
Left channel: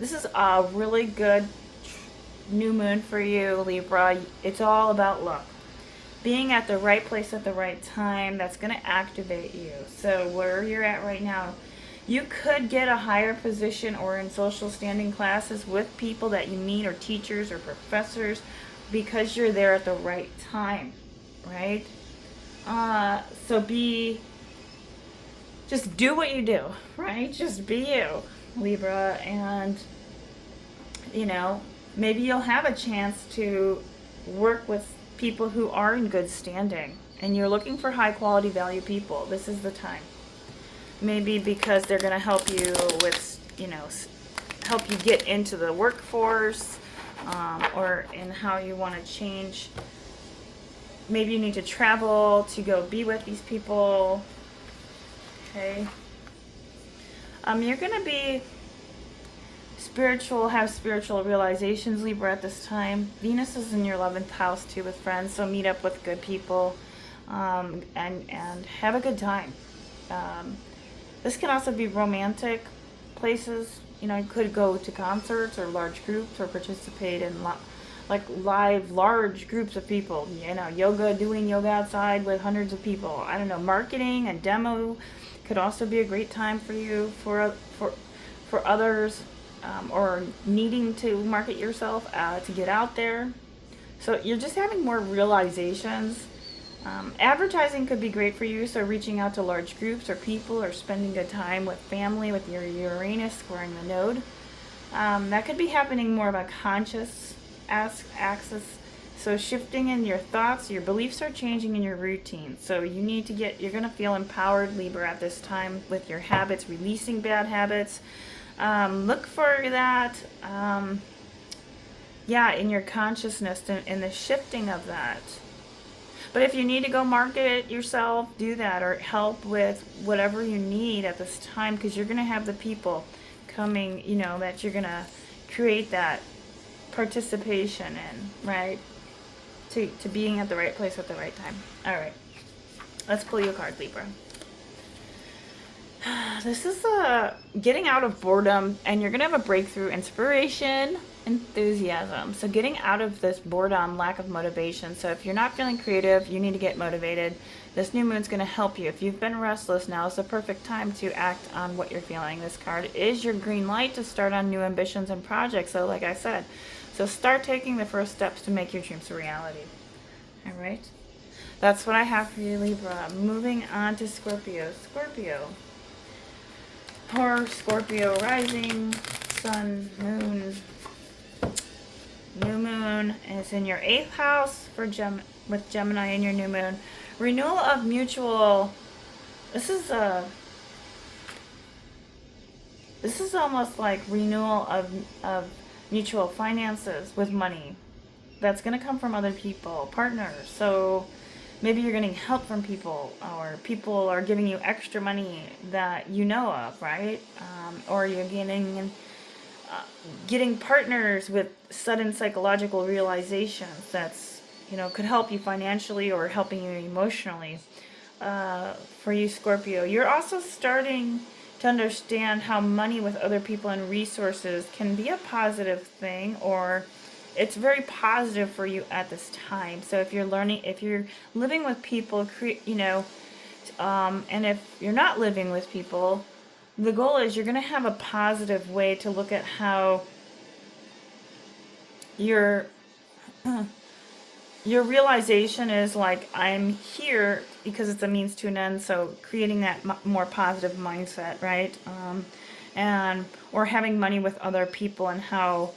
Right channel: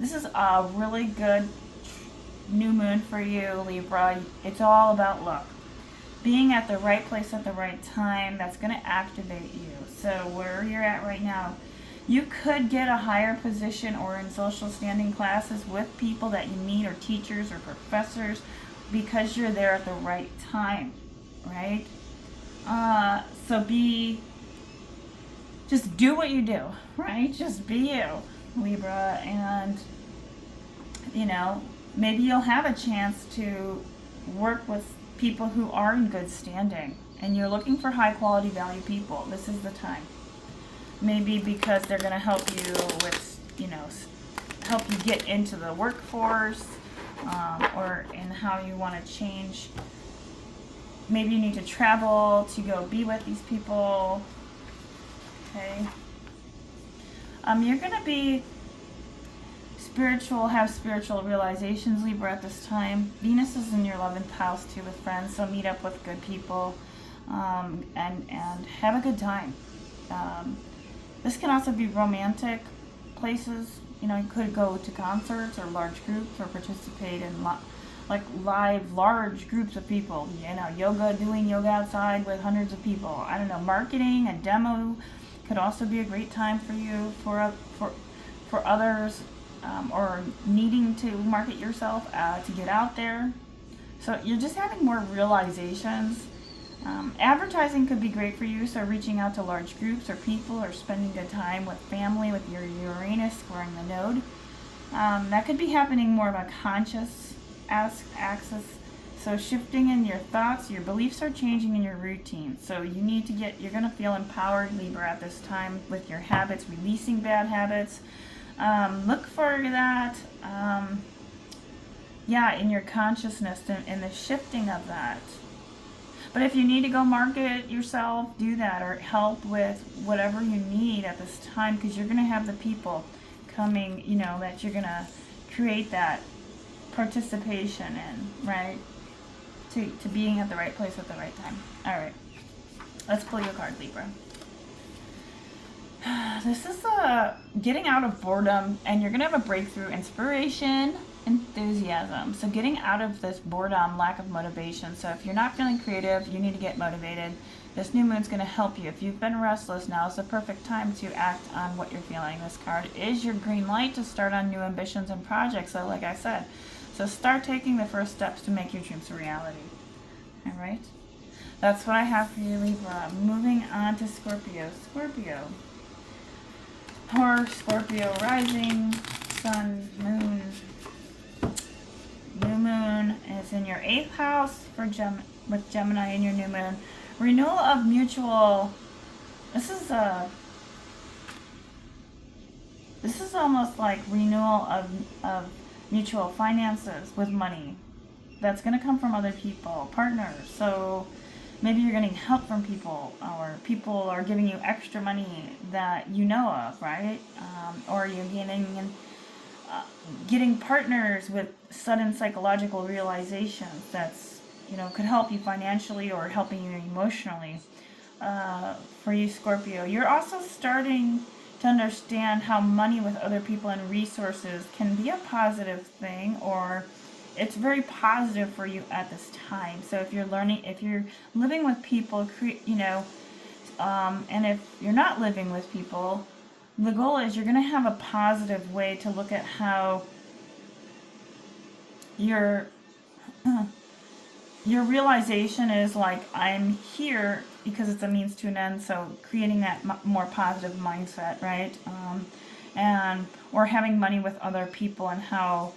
This is a really good new moon for you, Libra. It's all about luck. Being at the right place at the right time, that's going to activate you. So where you're at right now, you could get a higher position or in social standing classes with people that you meet, or teachers or professors, because you're there at the right time, right? So just do what you do, right? Just be you, Libra, and maybe you'll have a chance to work with people who are in good standing, and you're looking for high quality value people. This is the time. Maybe because they're going to help you with, help you get into the workforce, or in how you want to change. Maybe you need to travel to go be with these people. Okay. You're going to be have spiritual realizations, Libra, at this time. Venus is in your 11th house too, with friends, so meet up with good people, and have a good time. This can also be romantic places. You could go to concerts or large groups, or participate in live large groups of people. Doing yoga outside with hundreds of people. I don't know, marketing, a demo could also be a great time for you, for others, or needing to market yourself to get out there. So you're just having more realizations. Advertising could be great for you, so reaching out to large groups or people, or spending good time with family with your Uranus squaring the node. That could be happening more of a conscious axis So shifting in your thoughts, your beliefs are changing in your routine. So you need to you're going to feel empowered, Libra, at this time with your habits, releasing bad habits. Look for that, in your consciousness and the shifting of that. But if you need to go market yourself, do that, or help with whatever you need at this time, because you're going to have the people coming, that you're going to create that participation in, right? To being at the right place at the right time. All right. Let's pull you a card, Libra. This is getting out of boredom, and you're going to have a breakthrough, inspiration, enthusiasm. So getting out of this boredom, lack of motivation. So if you're not feeling creative, you need to get motivated. This new moon's going to help you. If you've been restless, now is the perfect time to act on what you're feeling. This card is your green light to start on new ambitions and projects. So like I said, so start taking the first steps to make your dreams a reality. All right? That's what I have for you, Libra. Moving on to Scorpio. Scorpio. Scorpio rising, sun, moon. New moon is in your 8th house for with Gemini in your new moon. Renewal of mutual. This is almost like renewal of mutual finances with money. That's going to come from other people, partners. So maybe you're getting help from people, or people are giving you extra money that you know of, right? Or you're getting partners with sudden psychological realizations that's, could help you financially or helping you emotionally. For you, Scorpio, you're also starting to understand how money with other people and resources can be a positive thing, or it's very positive for you at this time. So if you're living with people, and if you're not living with people, the goal is you're going to have a positive way to look at how your realization is like, I'm here because it's a means to an end. So creating that more positive mindset, right? Or having money with other people, and how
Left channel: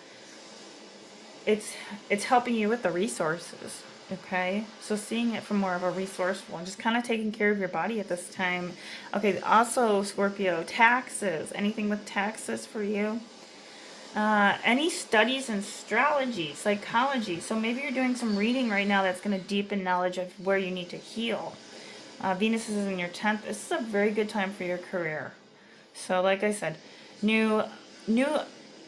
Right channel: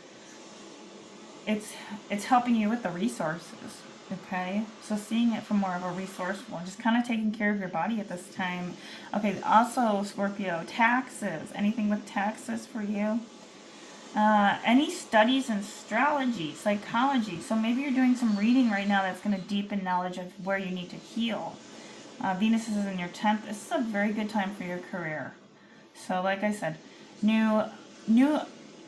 it's helping you with the resources. Okay, so seeing it from more of a resourceful and just kind of taking care of your body at this time. Okay, also Scorpio, taxes. Anything with taxes for you? Any studies in astrology, psychology. So maybe you're doing some reading right now that's going to deepen knowledge of where you need to heal. Venus is in your 10th. This is a very good time for your career. So like I said, new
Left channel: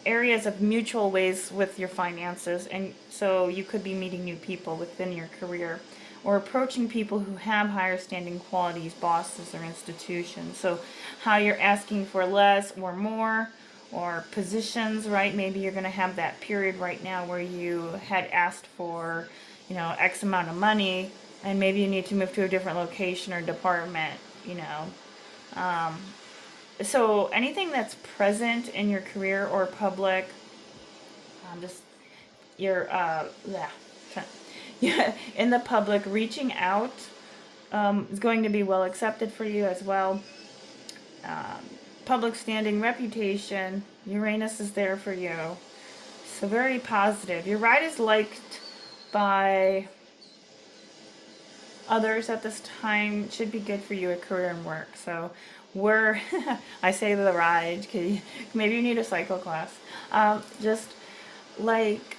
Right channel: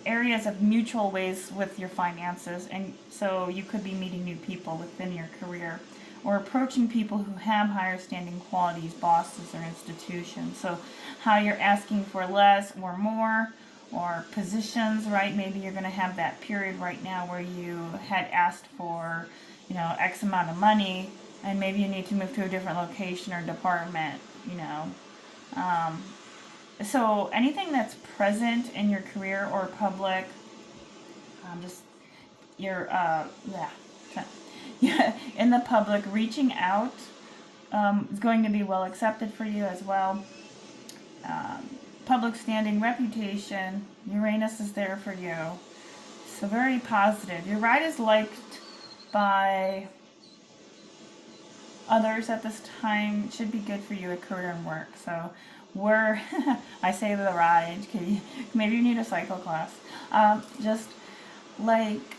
areas of mutual ways with your finances, and so you could be meeting new people within your career, or approaching people who have higher standing qualities, bosses or institutions. So how you're asking for less or more, or positions, right? Maybe you're going to have that period right now where you had asked for, X amount of money, and maybe you need to move to a different location or department, So anything that's present in your career or public, in the public, reaching out is going to be well accepted for you as well. Public standing, reputation, Uranus is there for you. So very positive. Your ride is liked by others at this time. Should be good for you at career and work. So I say the ride, maybe you need a cycle class. Just like,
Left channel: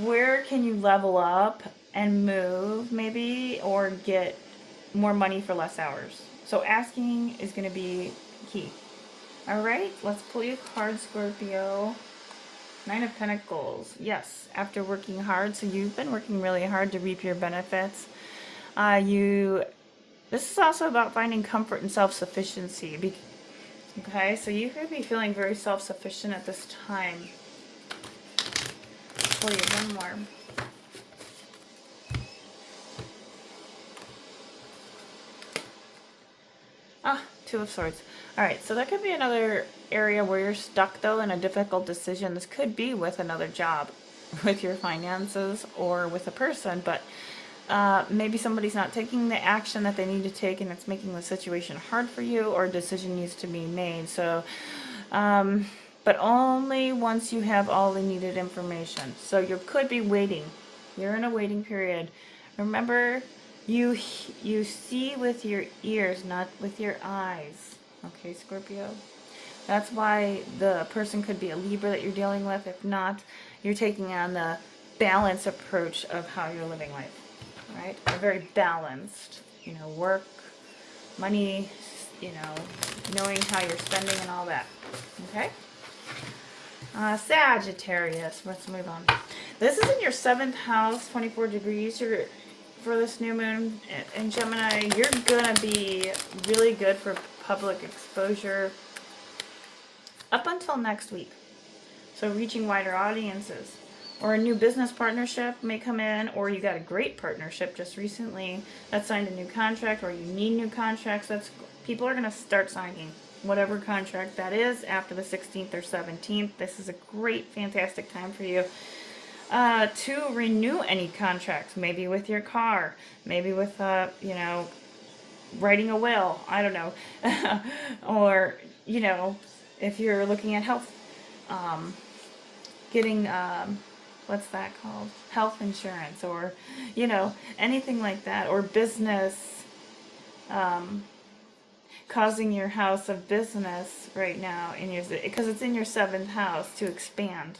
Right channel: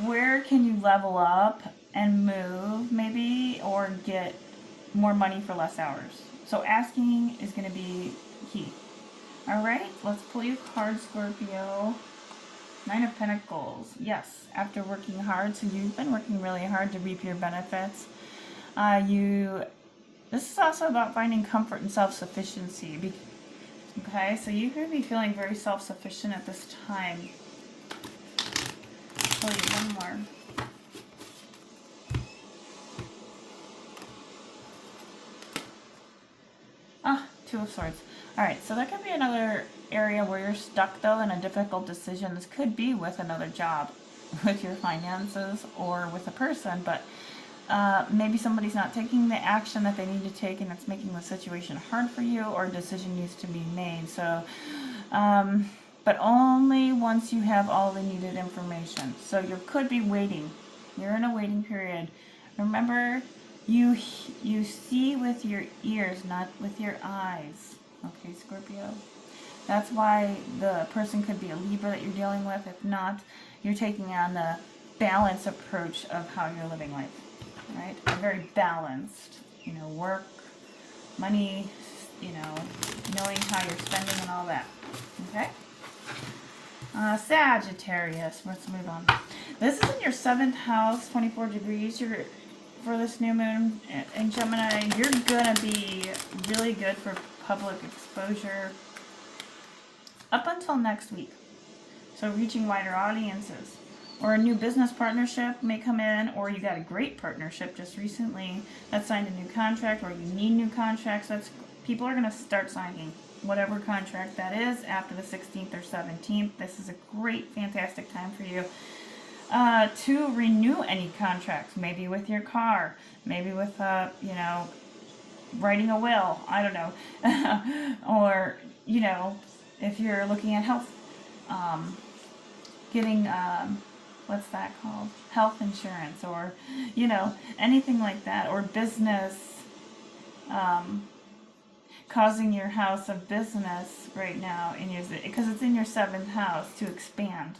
where can you level up and move maybe, or get more money for less hours? So asking is going to be key. All right, let's pull you a card, Scorpio. 9 of Pentacles. Yes, after working hard. So you've been working really hard to reap your benefits. This is also about finding comfort and self-sufficiency. Okay, so you could be feeling very self-sufficient at this time. I'll pull you one more. Two of Swords. All right, so that could be another area where you're stuck, though, in a difficult decision. This could be with another job, with your finances, or with a person, but maybe somebody's not taking the action that they need to take, and it's making the situation hard for you, or a decision needs to be made. So, but only once you have all the needed information. So you could be waiting You're in a waiting period. Remember, you see with your ears, not with your eyes. Okay, Scorpio? That's why the person could be a Libra that you're dealing with. If not, you're taking on the balanced approach of how you're living life. All right? A very balanced, work, money, knowing how you're spending and all that. Okay? Sagittarius. Let's move on. This is in your 7th house, 24 degrees. For this new moon in Gemini, you're going to be really good for public exposure up until next week. So reaching wider audiences. Or a new business partnership may come in, or you got a great partnership just recently that signed a new contract, or you need new contracts. People are going to start signing whatever contract that is after the 16th or 17th. This is a great, fantastic time for you to renew any contracts, maybe with your car, maybe with, writing a will, I don't know, or, if you're looking at health, getting, what's that called? Health insurance, or, anything like that, or business, causing your house of business right now, because it's in your 7th house, to expand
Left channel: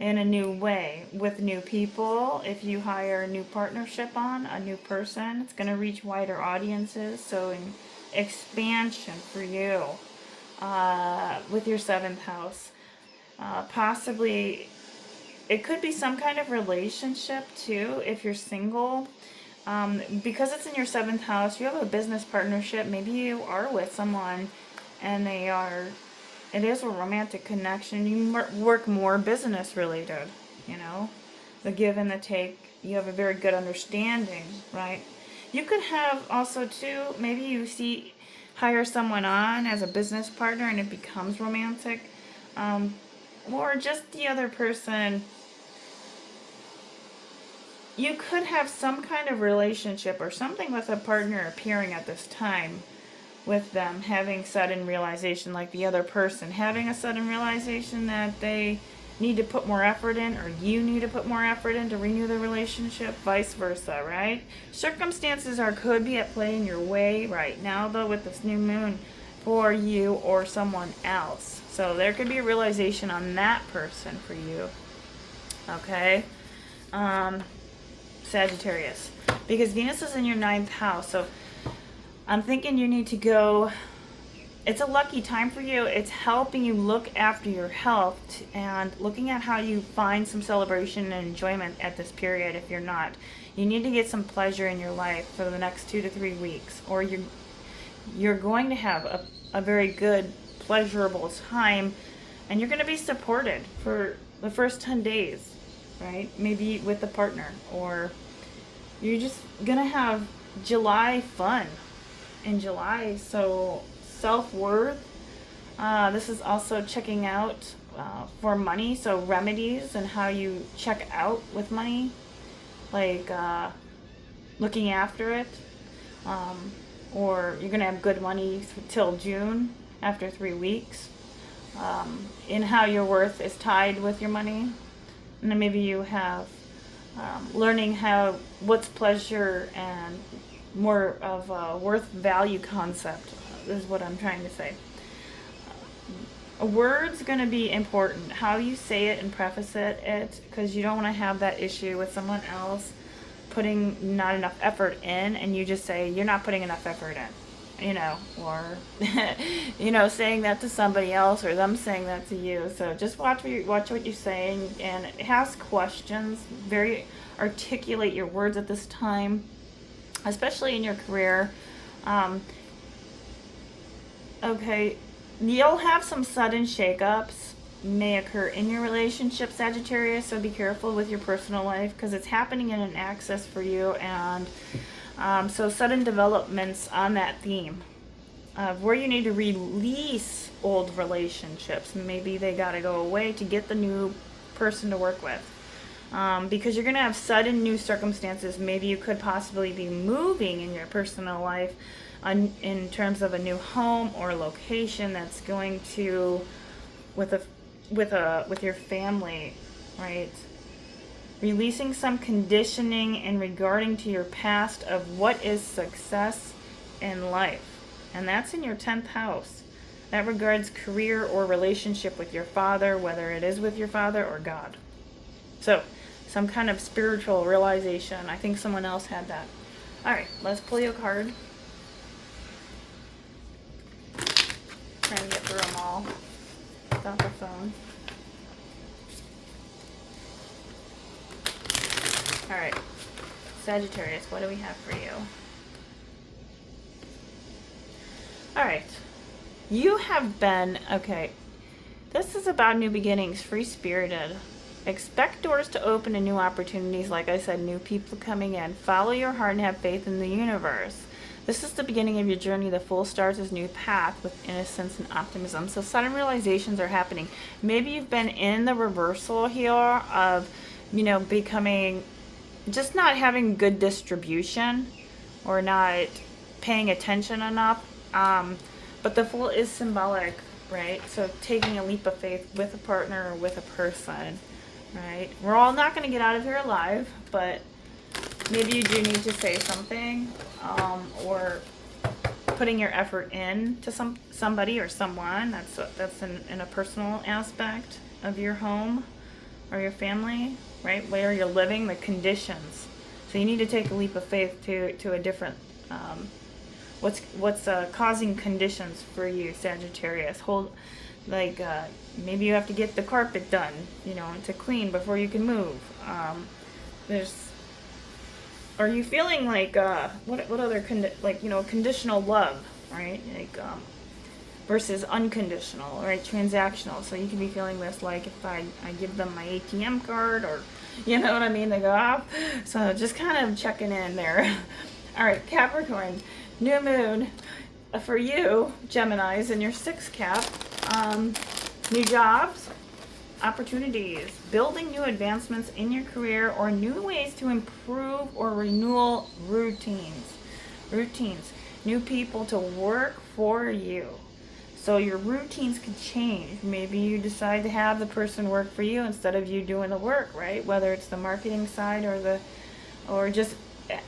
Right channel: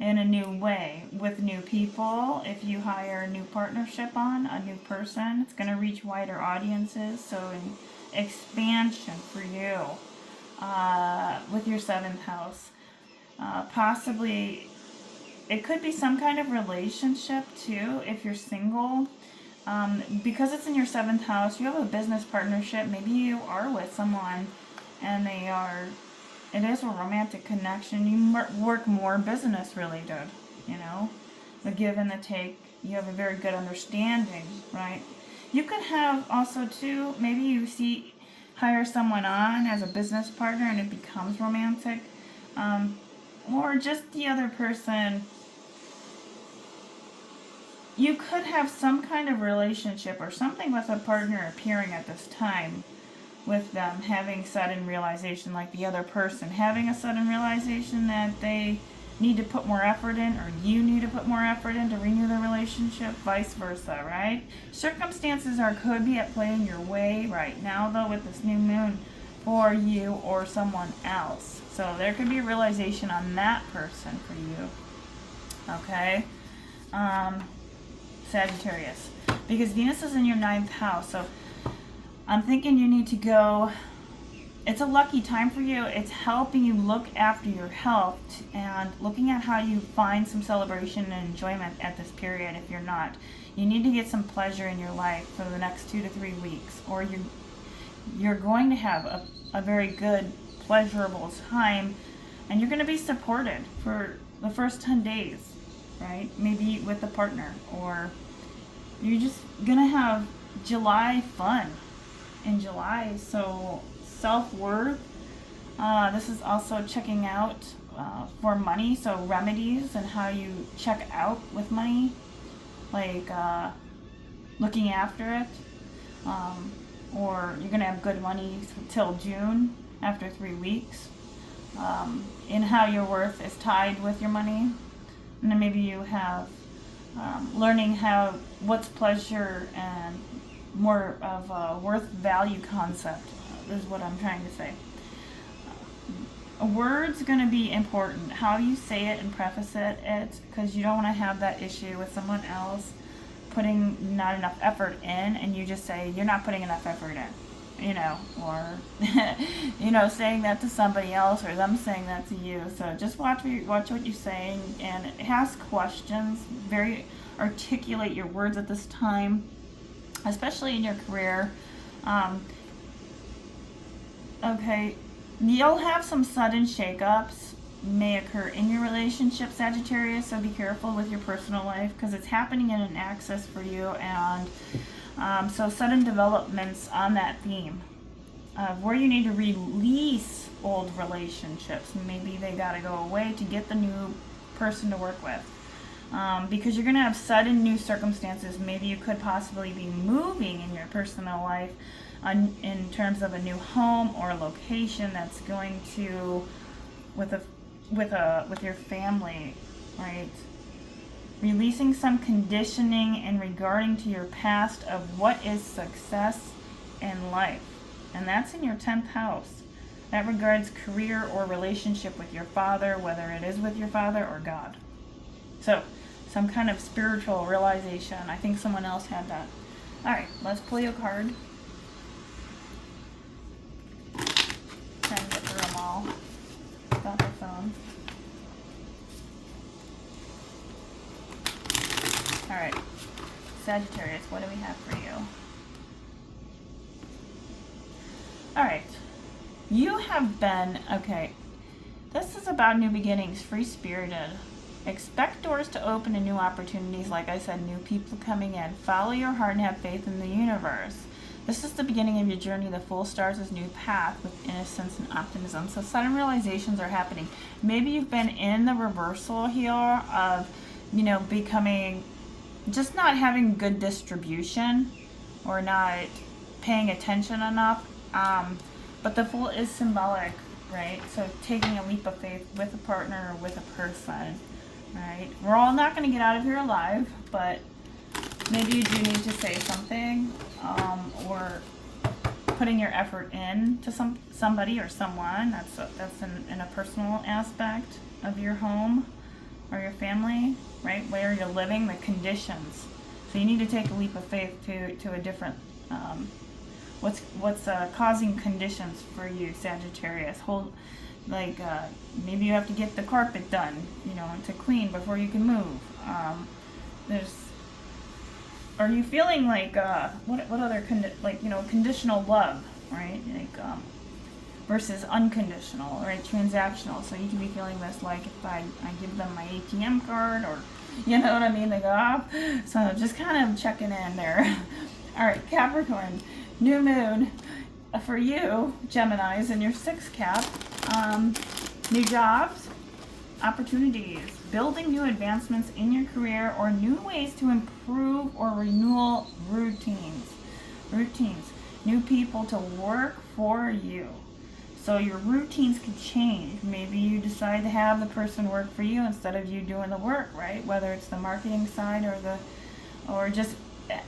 in a new way with new people. If you hire a new partnership on, a new person, it's going to reach wider audiences. So in expansion for you with your 7th house. Possibly, it could be some kind of relationship too if you're single. Because it's in your 7th house, you have a business partnership. Maybe you are with someone and it is a romantic connection. You work more business related, the give and the take. You have a very good understanding, right? You could have also too, maybe you hire someone on as a business partner and it becomes romantic. Or just the other person. You could have some kind of relationship or something with a partner appearing at this time, with them having sudden realization, like the other person having a sudden realization that they need to put more effort in, or you need to put more effort in to renew the relationship, vice versa, right? Circumstances could be at play in your way right now, though, with this new moon for you or someone else. So there could be a realization on that person for you. Okay? Sagittarius. Because Venus is in your 9th house, so I'm thinking you need to go. It's a lucky time for you. It's helping you look after your health and looking at how you find some celebration and enjoyment at this period. If you're not, you need to get some pleasure in your life for the next 2 to 3 weeks, or you're going to have a very good, pleasurable time, and you're going to be supported for the first 10 days, right? Maybe with a partner, or you're just going to have July fun in July. So self-worth. This is also checking out for money. So remedies and how you check out with money, like looking after it. Or you're going to have good money till June after 3 weeks. In how your worth is tied with your money. And then maybe you have learning what's pleasure and more of a worth value concept is what I'm trying to say. A word's going to be important. How you say it and preface it, because you don't want to have that issue with someone else putting not enough effort in, and you just say you're not putting enough effort in, or saying that to somebody else, or them saying that to you. So just watch what you're saying and ask questions. Articulate your words at this time, especially in your career. Okay, you'll have some sudden shakeups may occur in your relationship, Sagittarius, so be careful with your personal life, because it's happening in an axis for you, and so sudden developments on that theme of where you need to release old relationships. Maybe they got to go away to get the new person to work with. Because you're going to have sudden new circumstances. Maybe you could possibly be moving in your personal life in terms of a new home or location that's going to with your family, right? releasing some conditioning in regarding to your past of what is success in life. And that's in your 10th house. That regards career or relationship with your father, whether it is with your father or God. So, some kind of spiritual realization. I think someone else had that. All right, let's pull you a card. Trying to get through them all without the phone. All right, Sagittarius, what do we have for you? All right, you have been, okay, this is about new beginnings, free-spirited. Expect doors to open and new opportunities. Like I said, new people coming in. Follow your heart and have faith in the universe. This is the beginning of your journey. The Fool starts this new path with innocence and optimism. So sudden realizations are happening. Maybe you've been in the reversal here of, becoming, just not having good distribution or not paying attention enough. But the Fool is symbolic, right? So taking a leap of faith with a partner or with a person. Right, we're all not going to get out of here alive, but maybe you do need to say something, or putting your effort in to somebody or someone. That's in a personal aspect of your home or your family, right? Where you're living, the conditions. So you need to take a leap of faith to a different. What's causing conditions for you, Sagittarius? Maybe you have to get the carpet done, to clean before you can move. Are you feeling like, what other, conditional love, right? Versus unconditional, right? Transactional. So you can be feeling this, like if I give them my ATM card, or, you know what I mean? They go off. So just kind of checking in there. All right, Capricorn, new moon. For you, Geminis, in your 6th cap, new jobs, opportunities, building new advancements in your career, or new ways to improve or renew routines, new people to work for you. So your routines could change. Maybe you decide to have the person work for you instead of you doing the work, right? Whether it's the marketing side or just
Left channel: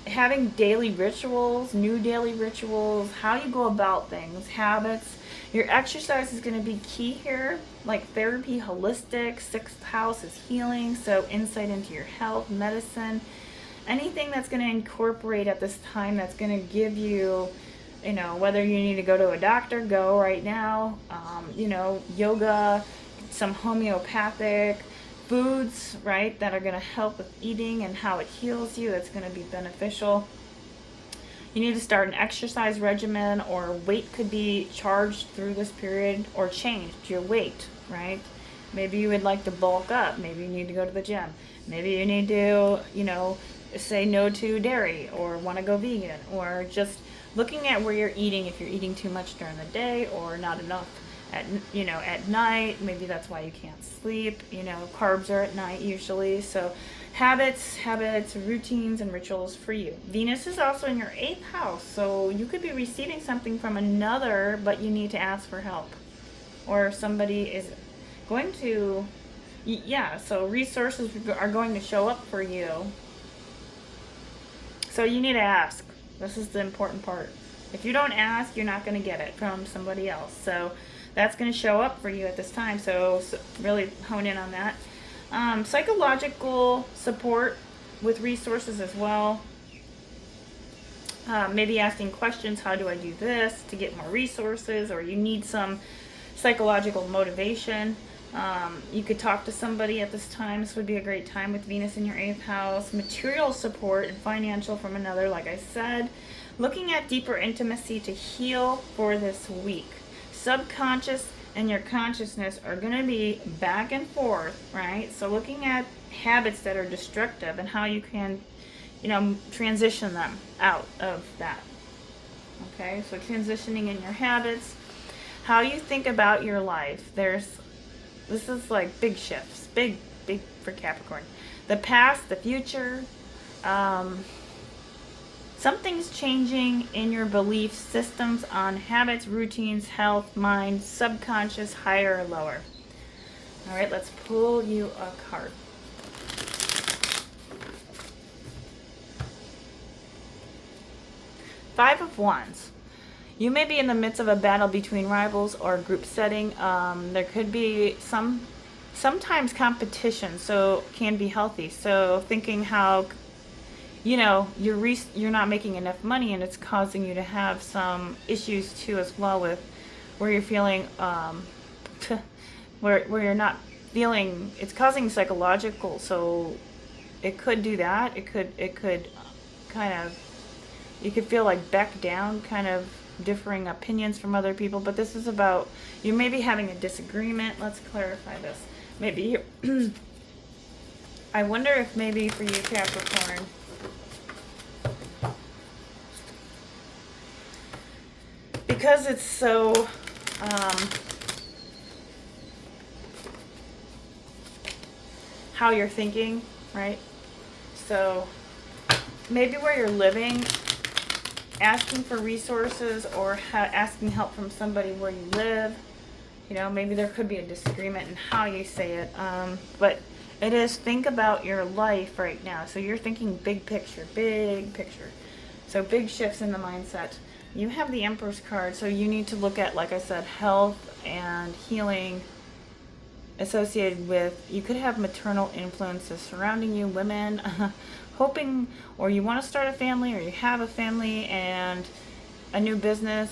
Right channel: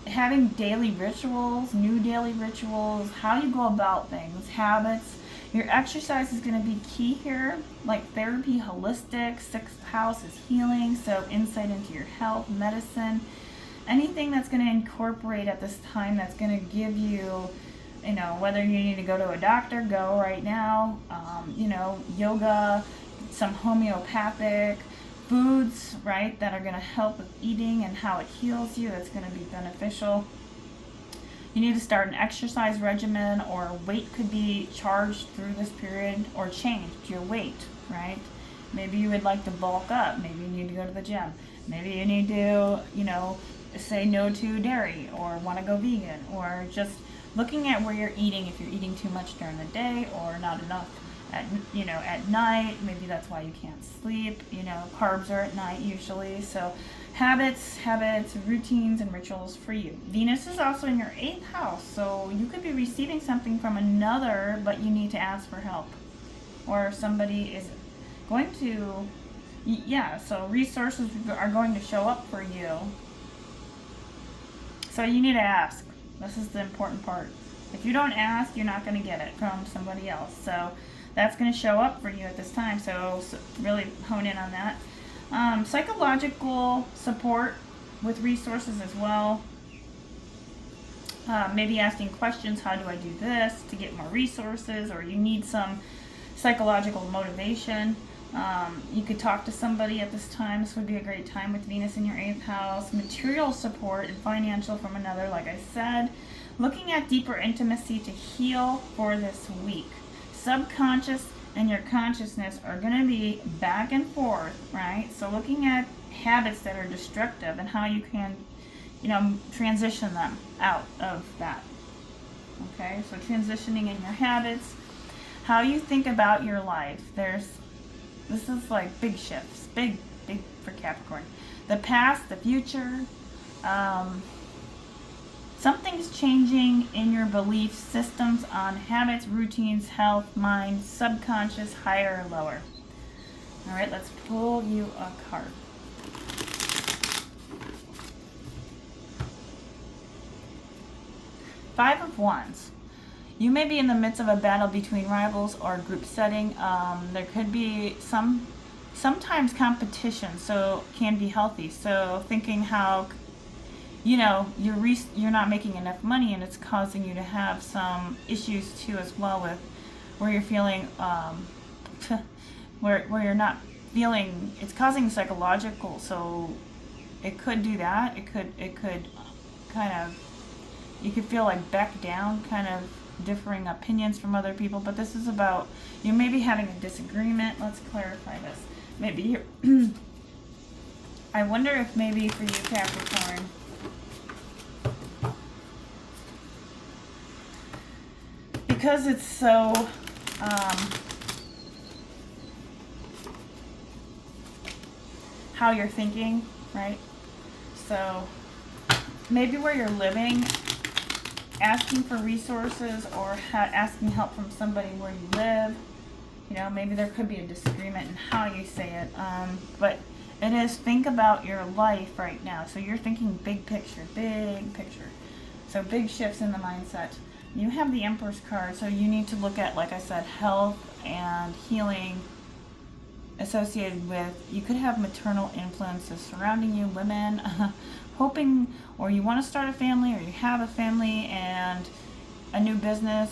having daily rituals, new daily rituals, how you go about things, habits. Your exercise is going to be key here, like therapy, holistic. 6th house is healing, so insight into your health, medicine, anything that's going to incorporate at this time that's going to give you, whether you need to go to a doctor, go right now, yoga, some homeopathic foods, right, that are going to help with eating and how it heals you. It's going to be beneficial. You need to start an exercise regimen, or weight could be charged through this period, or changed your weight, right? Maybe you would like to bulk up. Maybe you need to go to the gym. Maybe you need to, say no to dairy, or want to go vegan, or just looking at where you're eating, if you're eating too much during the day or not enough at night. Maybe that's why you can't sleep. Carbs are at night usually. So habits, routines, and rituals for you. Venus is also in your 8th house, so you could be receiving something from another, but you need to ask for help, or somebody is going to, so resources are going to show up for you. So you need to ask. This is the important part. If you don't ask, you're not going to get it from somebody else. So that's going to show up for you at this time. So really hone in on that. Psychological support with resources as well. Maybe asking questions, how do I do this to get more resources, or you need some psychological motivation. You could talk to somebody at this time. This would be a great time with Venus in your 8th house. Material support and financial from another, like I said. Looking at deeper intimacy to heal for this week. Subconscious and your consciousness are going to be back and forth, right? So looking at habits that are destructive and how you can, transition them out of that. Okay, so transitioning in your habits, how you think about your life. This is like big shifts, big for Capricorn. The past, the future, something's changing in your belief systems on habits, routines, health, mind, subconscious, higher or lower. All right, let's pull you a card. Five of Wands. You may be in the midst of a battle between rivals or group setting. There could be sometimes competition, so can be healthy. So thinking how, you're not making enough money, and it's causing you to have some issues too as well, with where you're feeling where you're not feeling, it's causing psychological. So it could do that. It could kind of, you could feel like back down, kind of differing opinions from other people. But this is about, you may be having a disagreement. Let's clarify this. Maybe you're I wonder if maybe for you, Capricorn, because it's so how you're thinking, right? So maybe where you're living, asking for resources or asking help from somebody where you live. Maybe there could be a disagreement in how you say it. But it is, think about your life right now. So you're thinking big picture, big picture. So big shifts in the mindset. You have the Empress card, so you need to look at, like I said, health and healing associated with, you could have maternal influences surrounding you, women, hoping, or you want to start a family, or you have a family and a new business.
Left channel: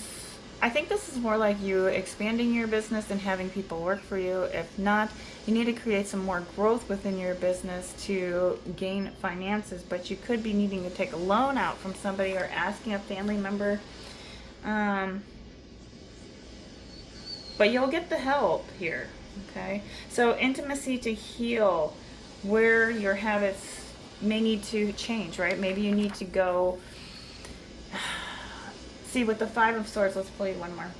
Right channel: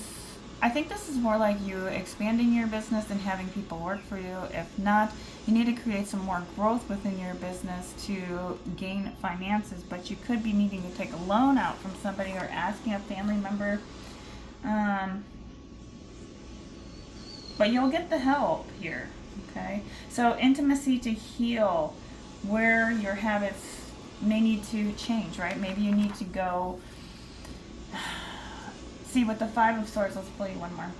I think this is more like you expanding your business and having people work for you. If not, you need to create some more growth within your business to gain finances, but you could be needing to take a loan out from somebody or asking a family member. But you'll get the help here, okay? So intimacy to heal where your habits may need to change, right? Maybe you need to go see with the Five of Swords. Let's play one more.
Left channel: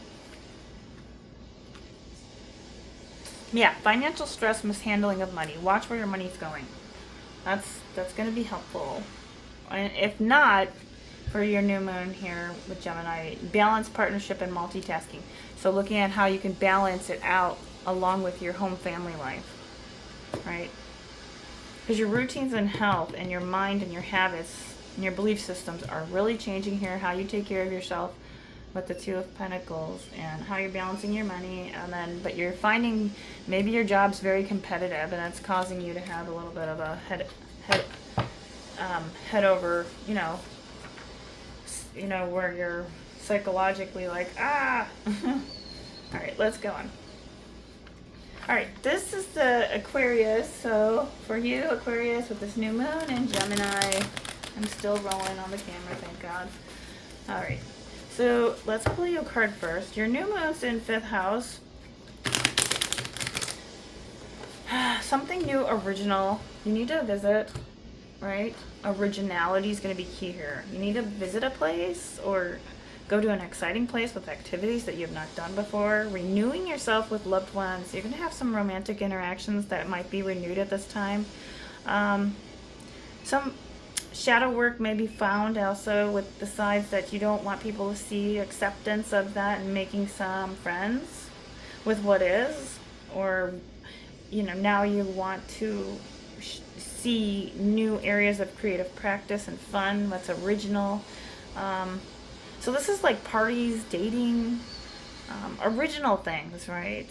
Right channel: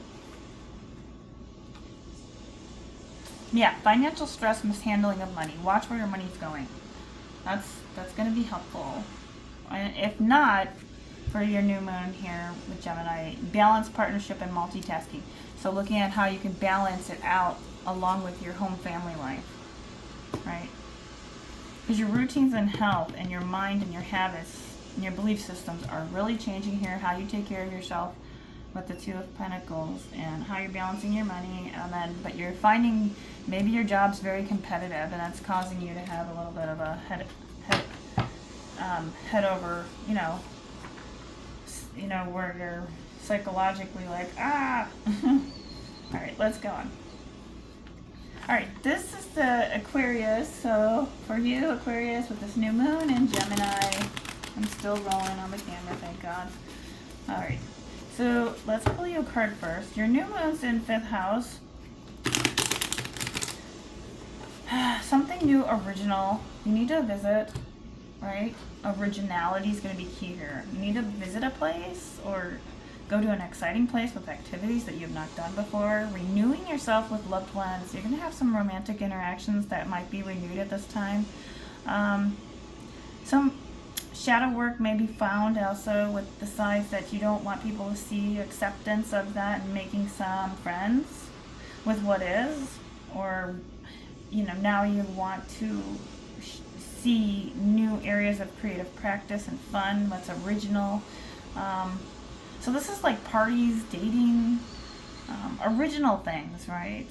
Yeah, financial stress, mishandling of money. Watch where your money's going. That's going to be helpful. And if not, for your new moon here with Gemini, balance, partnership, and multitasking. So looking at how you can balance it out along with your home family life, right? Because your routines and health and your mind and your habits and your belief systems are really changing here. How you take care of yourself with the Two of Pentacles, and how you're balancing your money. And then, but you're finding maybe your job's very competitive, and that's causing you to have a little bit of a head over, where you're psychologically like, All right, let's go on. All right, this is the Aquarius. So for you, Aquarius, with this new moon in Gemini, I'm still rolling on the camera, thank God. All right, so let's pull you a card first. Your new moon's in 5th house. Something new, original. You need to visit, right? Originality is going to be key here. You need to visit a place or go to an exciting place with activities that you have not done before. Renewing yourself with loved ones. You're going to have some romantic interactions that might be renewed at this time. Some shadow work may be found also with the sides that you don't want people to see. Acceptance of that and making some friends with what is. Or, now you want to see new areas of creative practice and fun, that's original. So this is like parties, dating, original things, right?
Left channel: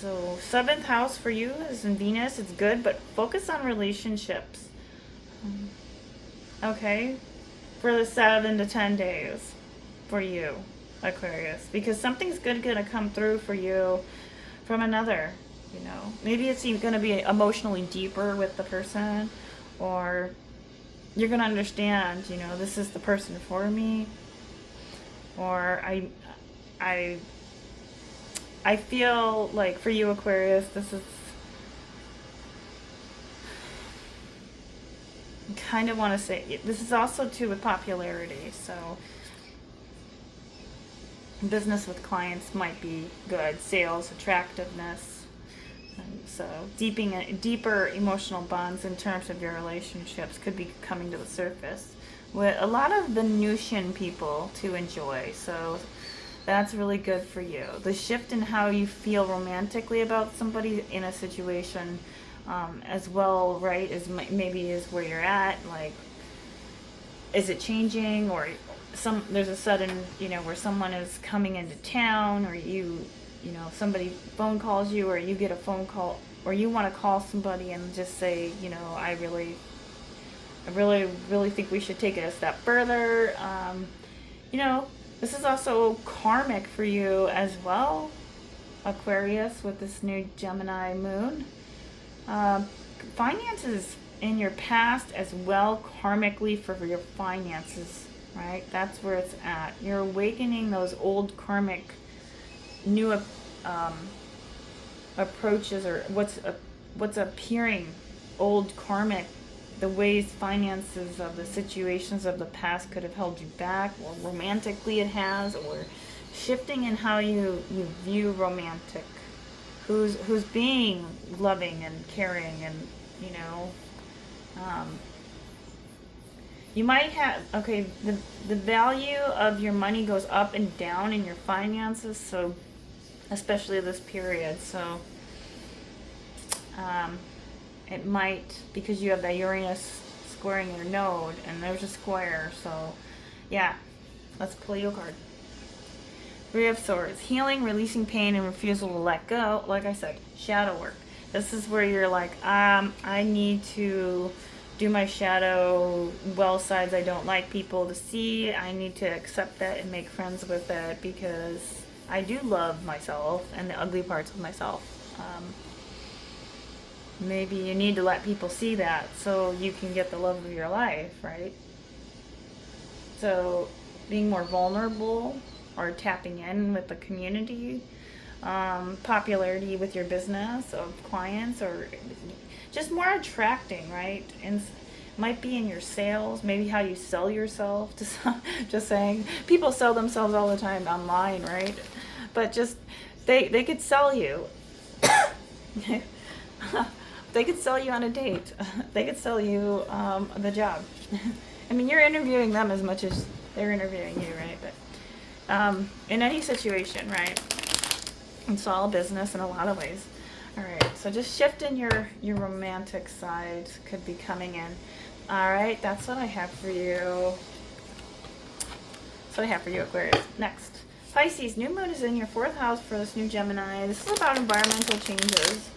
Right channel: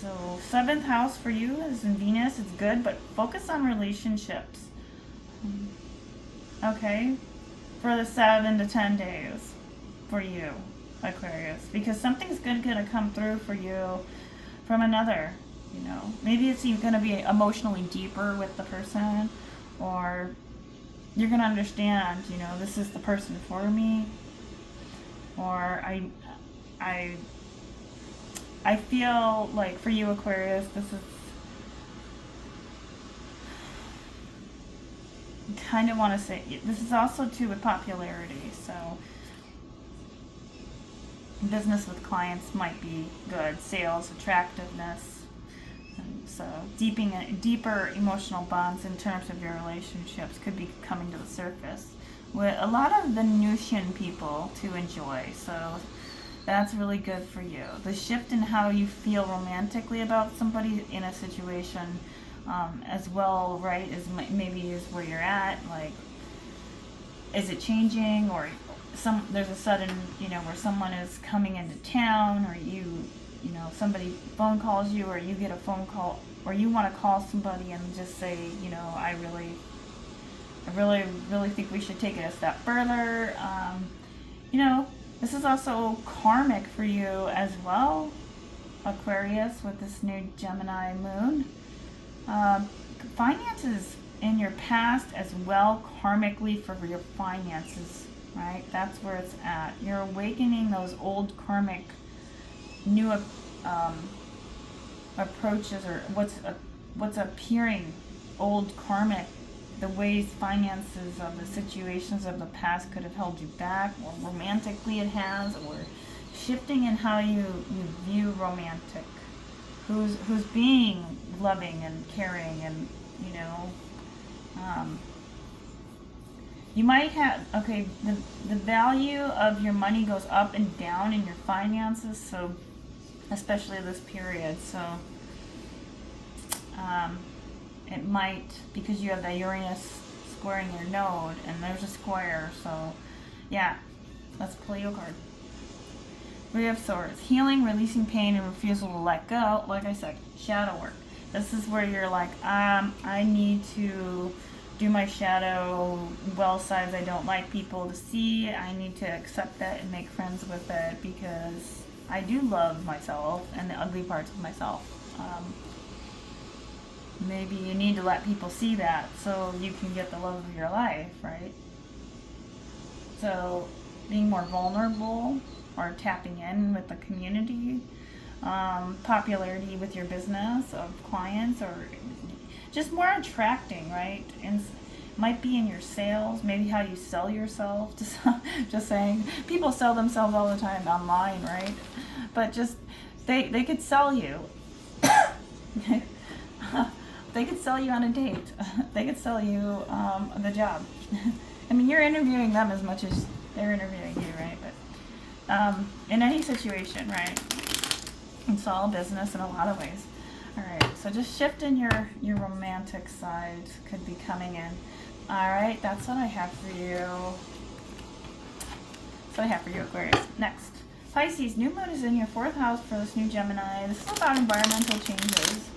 So 7th house for you is in Venus. It's good, but focus on relationships. Okay? For the 7 to 10 days for you, Aquarius. Because something's good going to come through for you from another. Maybe it's going to be emotionally deeper with the person, or you're going to understand, this is the person for me, or I feel like for you, Aquarius, this is, kind of want to say, this is also too with popularity, so business with clients might be good, sales, attractiveness. So deeper emotional bonds in terms of your relationships could be coming to the surface with a lot of Venusian people to enjoy. So that's really good for you. The shift in how you feel romantically about somebody in a situation as well, right, is maybe is where you're at. Like, is it changing, or there's a sudden, where someone is coming into town, or somebody phone calls you, or you get a phone call, or you want to call somebody and just say, I really, really think we should take it a step further. This is also karmic for you as well, Aquarius, with this new Gemini moon. Finances in your past as well, karmically, for your finances, right? That's where it's at. You're awakening those old karmic, new approaches, or what's appearing old karmic, the ways finances of the situations of the past could have held you back, or romantically it has, or shifting in how you view romantic, who's being loving and caring, and you might have, the value of your money goes up and down in your finances, so especially this period, so it might, because you have that Uranus squaring your node, and there's a square, so yeah, let's pull you a card. Three of Swords, healing, releasing pain, and refusal to let go. Like I said, shadow work. This is where you're like, I need to do my shadow well sides I don't like people to see. I need to accept that and make friends with it, because I do love myself and the ugly parts of myself. Maybe you need to let people see that so you can get the love of your life, right? So being more vulnerable, or tapping in with the community, popularity with your business of clients, or just more attracting, right? And might be in your sales, maybe how you sell yourself. Just saying, people sell themselves all the time online, right? But just they could sell you. They could sell you on a date. They could sell you the job. I mean, you're interviewing them as much as they're interviewing you, right? But in any situation, right? It's all business in a lot of ways. All right, so just shifting your romantic side could be coming in. All right, that's what I have for you. That's what I have for you, Aquarius. Next, Pisces, new moon is in your 4th house for this new Gemini. This is about environmental changes.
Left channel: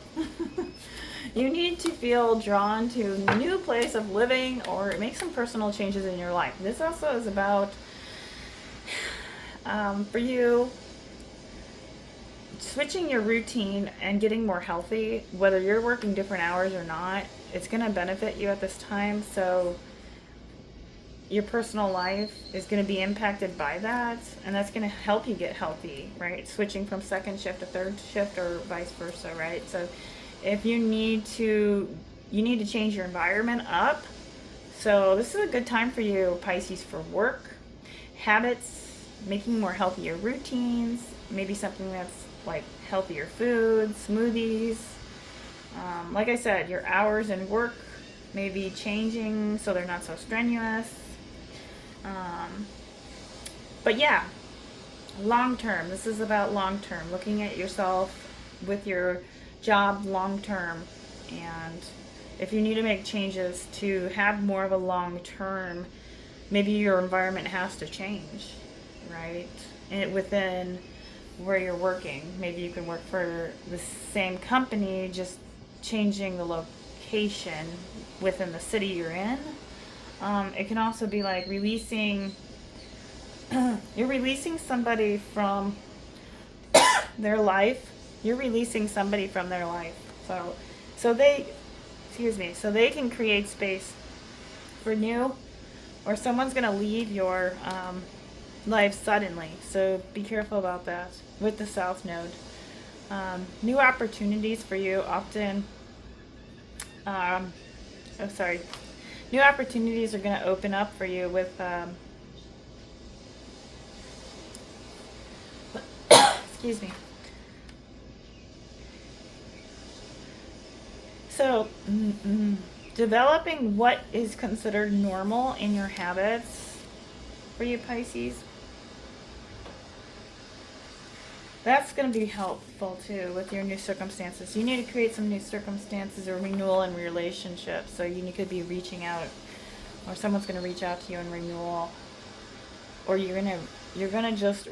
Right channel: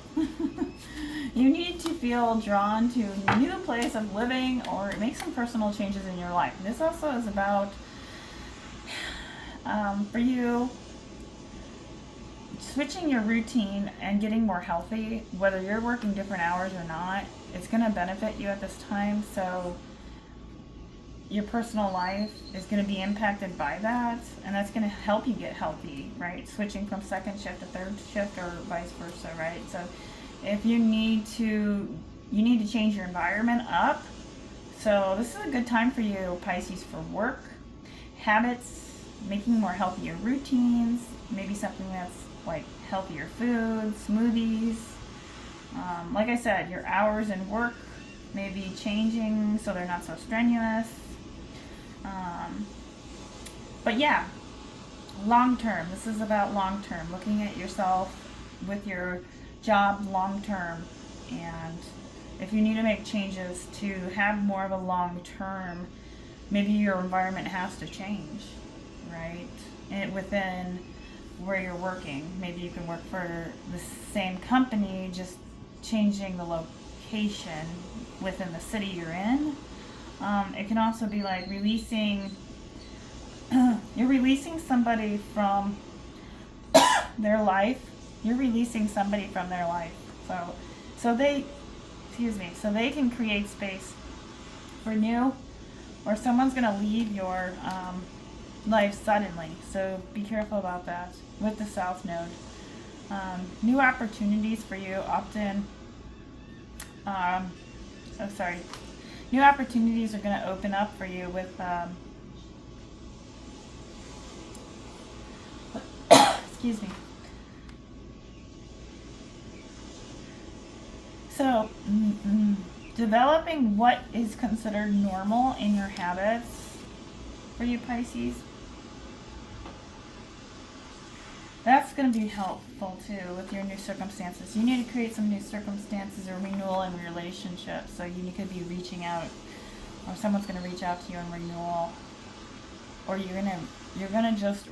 You need to feel drawn to a new place of living, or make some personal changes in your life. This also is about, for you, switching your routine and getting more healthy. Whether you're working different hours or not, it's going to benefit you at this time. So your personal life is going to be impacted by that, and that's going to help you get healthy, right? Switching from second shift to third shift, or vice versa, right? So if you need to change your environment up. So this is a good time for you, Pisces, for work, habits, making more healthier routines, maybe something that's like healthier foods, smoothies. Like I said, your hours in work may be changing so they're not so strenuous. But yeah, long term. This is about long term, looking at yourself with your job long term, and if you need to make changes to have more of a long term, maybe your environment has to change, right? And within where you're working, maybe you can work for the same company, just changing the location within the city you're in. It can also be like releasing you're releasing somebody from their life. You're releasing somebody from their life. So they can create space for new, or someone's going to leave your life suddenly. So be careful about that with the South Node. New opportunities for you often, new opportunities are going to open up for you with, excuse me. So, developing what is considered normal in your habits for you, Pisces. That's going to be helpful too with your new circumstances. You need to create some new circumstances or renewal in relationships. So you could be reaching out, or someone's going to reach out to you in renewal. or you're gonna just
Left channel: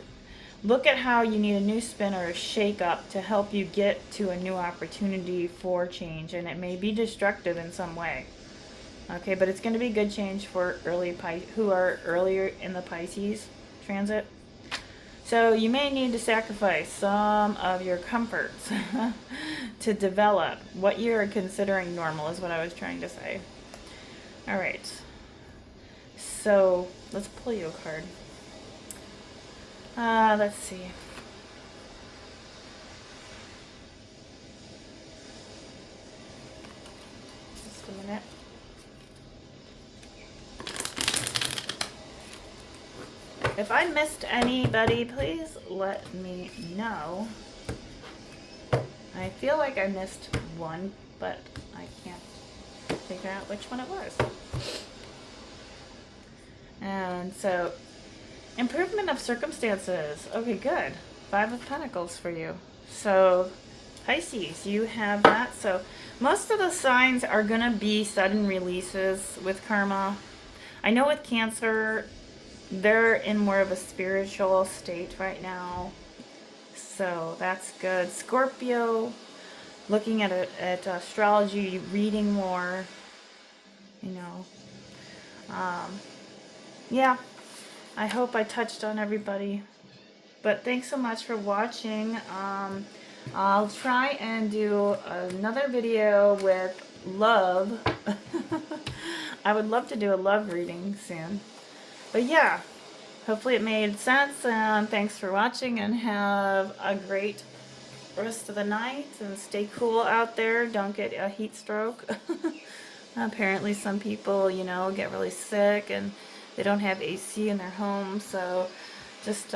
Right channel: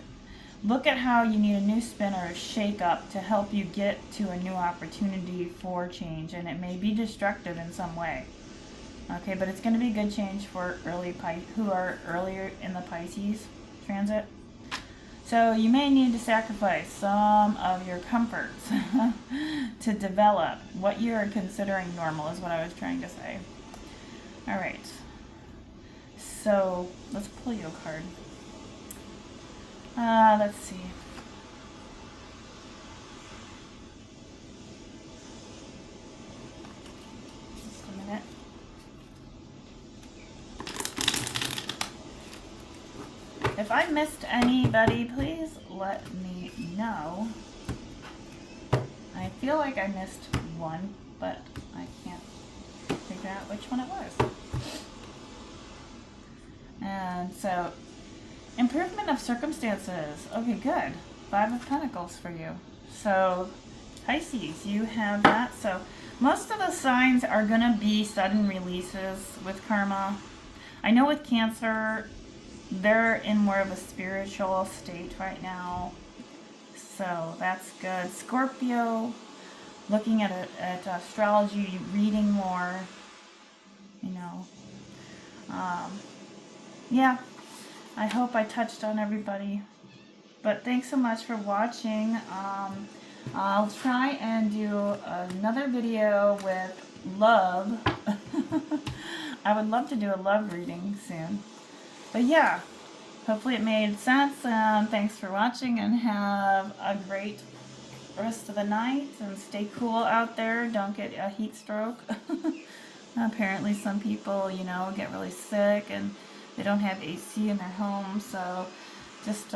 look at how you need a new spin or a shake up to help you get to a new opportunity for change, and it may be destructive in some way. Okay, but it's going to be good change for who are earlier in the Pisces transit. So you may need to sacrifice some of your comforts to develop what you're considering normal, is what I was trying to say. All right. So let's pull you a card. Let's see. Just a minute. If I missed anybody, please let me know. I feel like I missed one, but I can't figure out which one it was. And so, improvement of circumstances. Okay, good. 5 of Pentacles for you. So, Pisces, you have that. So, most of the signs are going to be sudden releases with karma. I know with Cancer, they're in more of a spiritual state right now. So, that's good. Scorpio, looking at astrology, reading more, you know. Yeah, I hope I touched on everybody. But thanks so much for watching. I'll try and do another video with love. I would love to do a love reading soon. But yeah, hopefully it made sense. And thanks for watching, and have a great rest of the night. And stay cool out there. Don't get a heat stroke. Apparently some people, get really sick and they don't have AC in their home. So just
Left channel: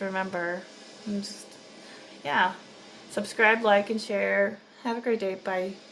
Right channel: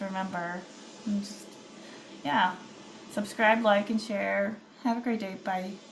remember, and yeah, subscribe, like, and share. Have a great day. Bye.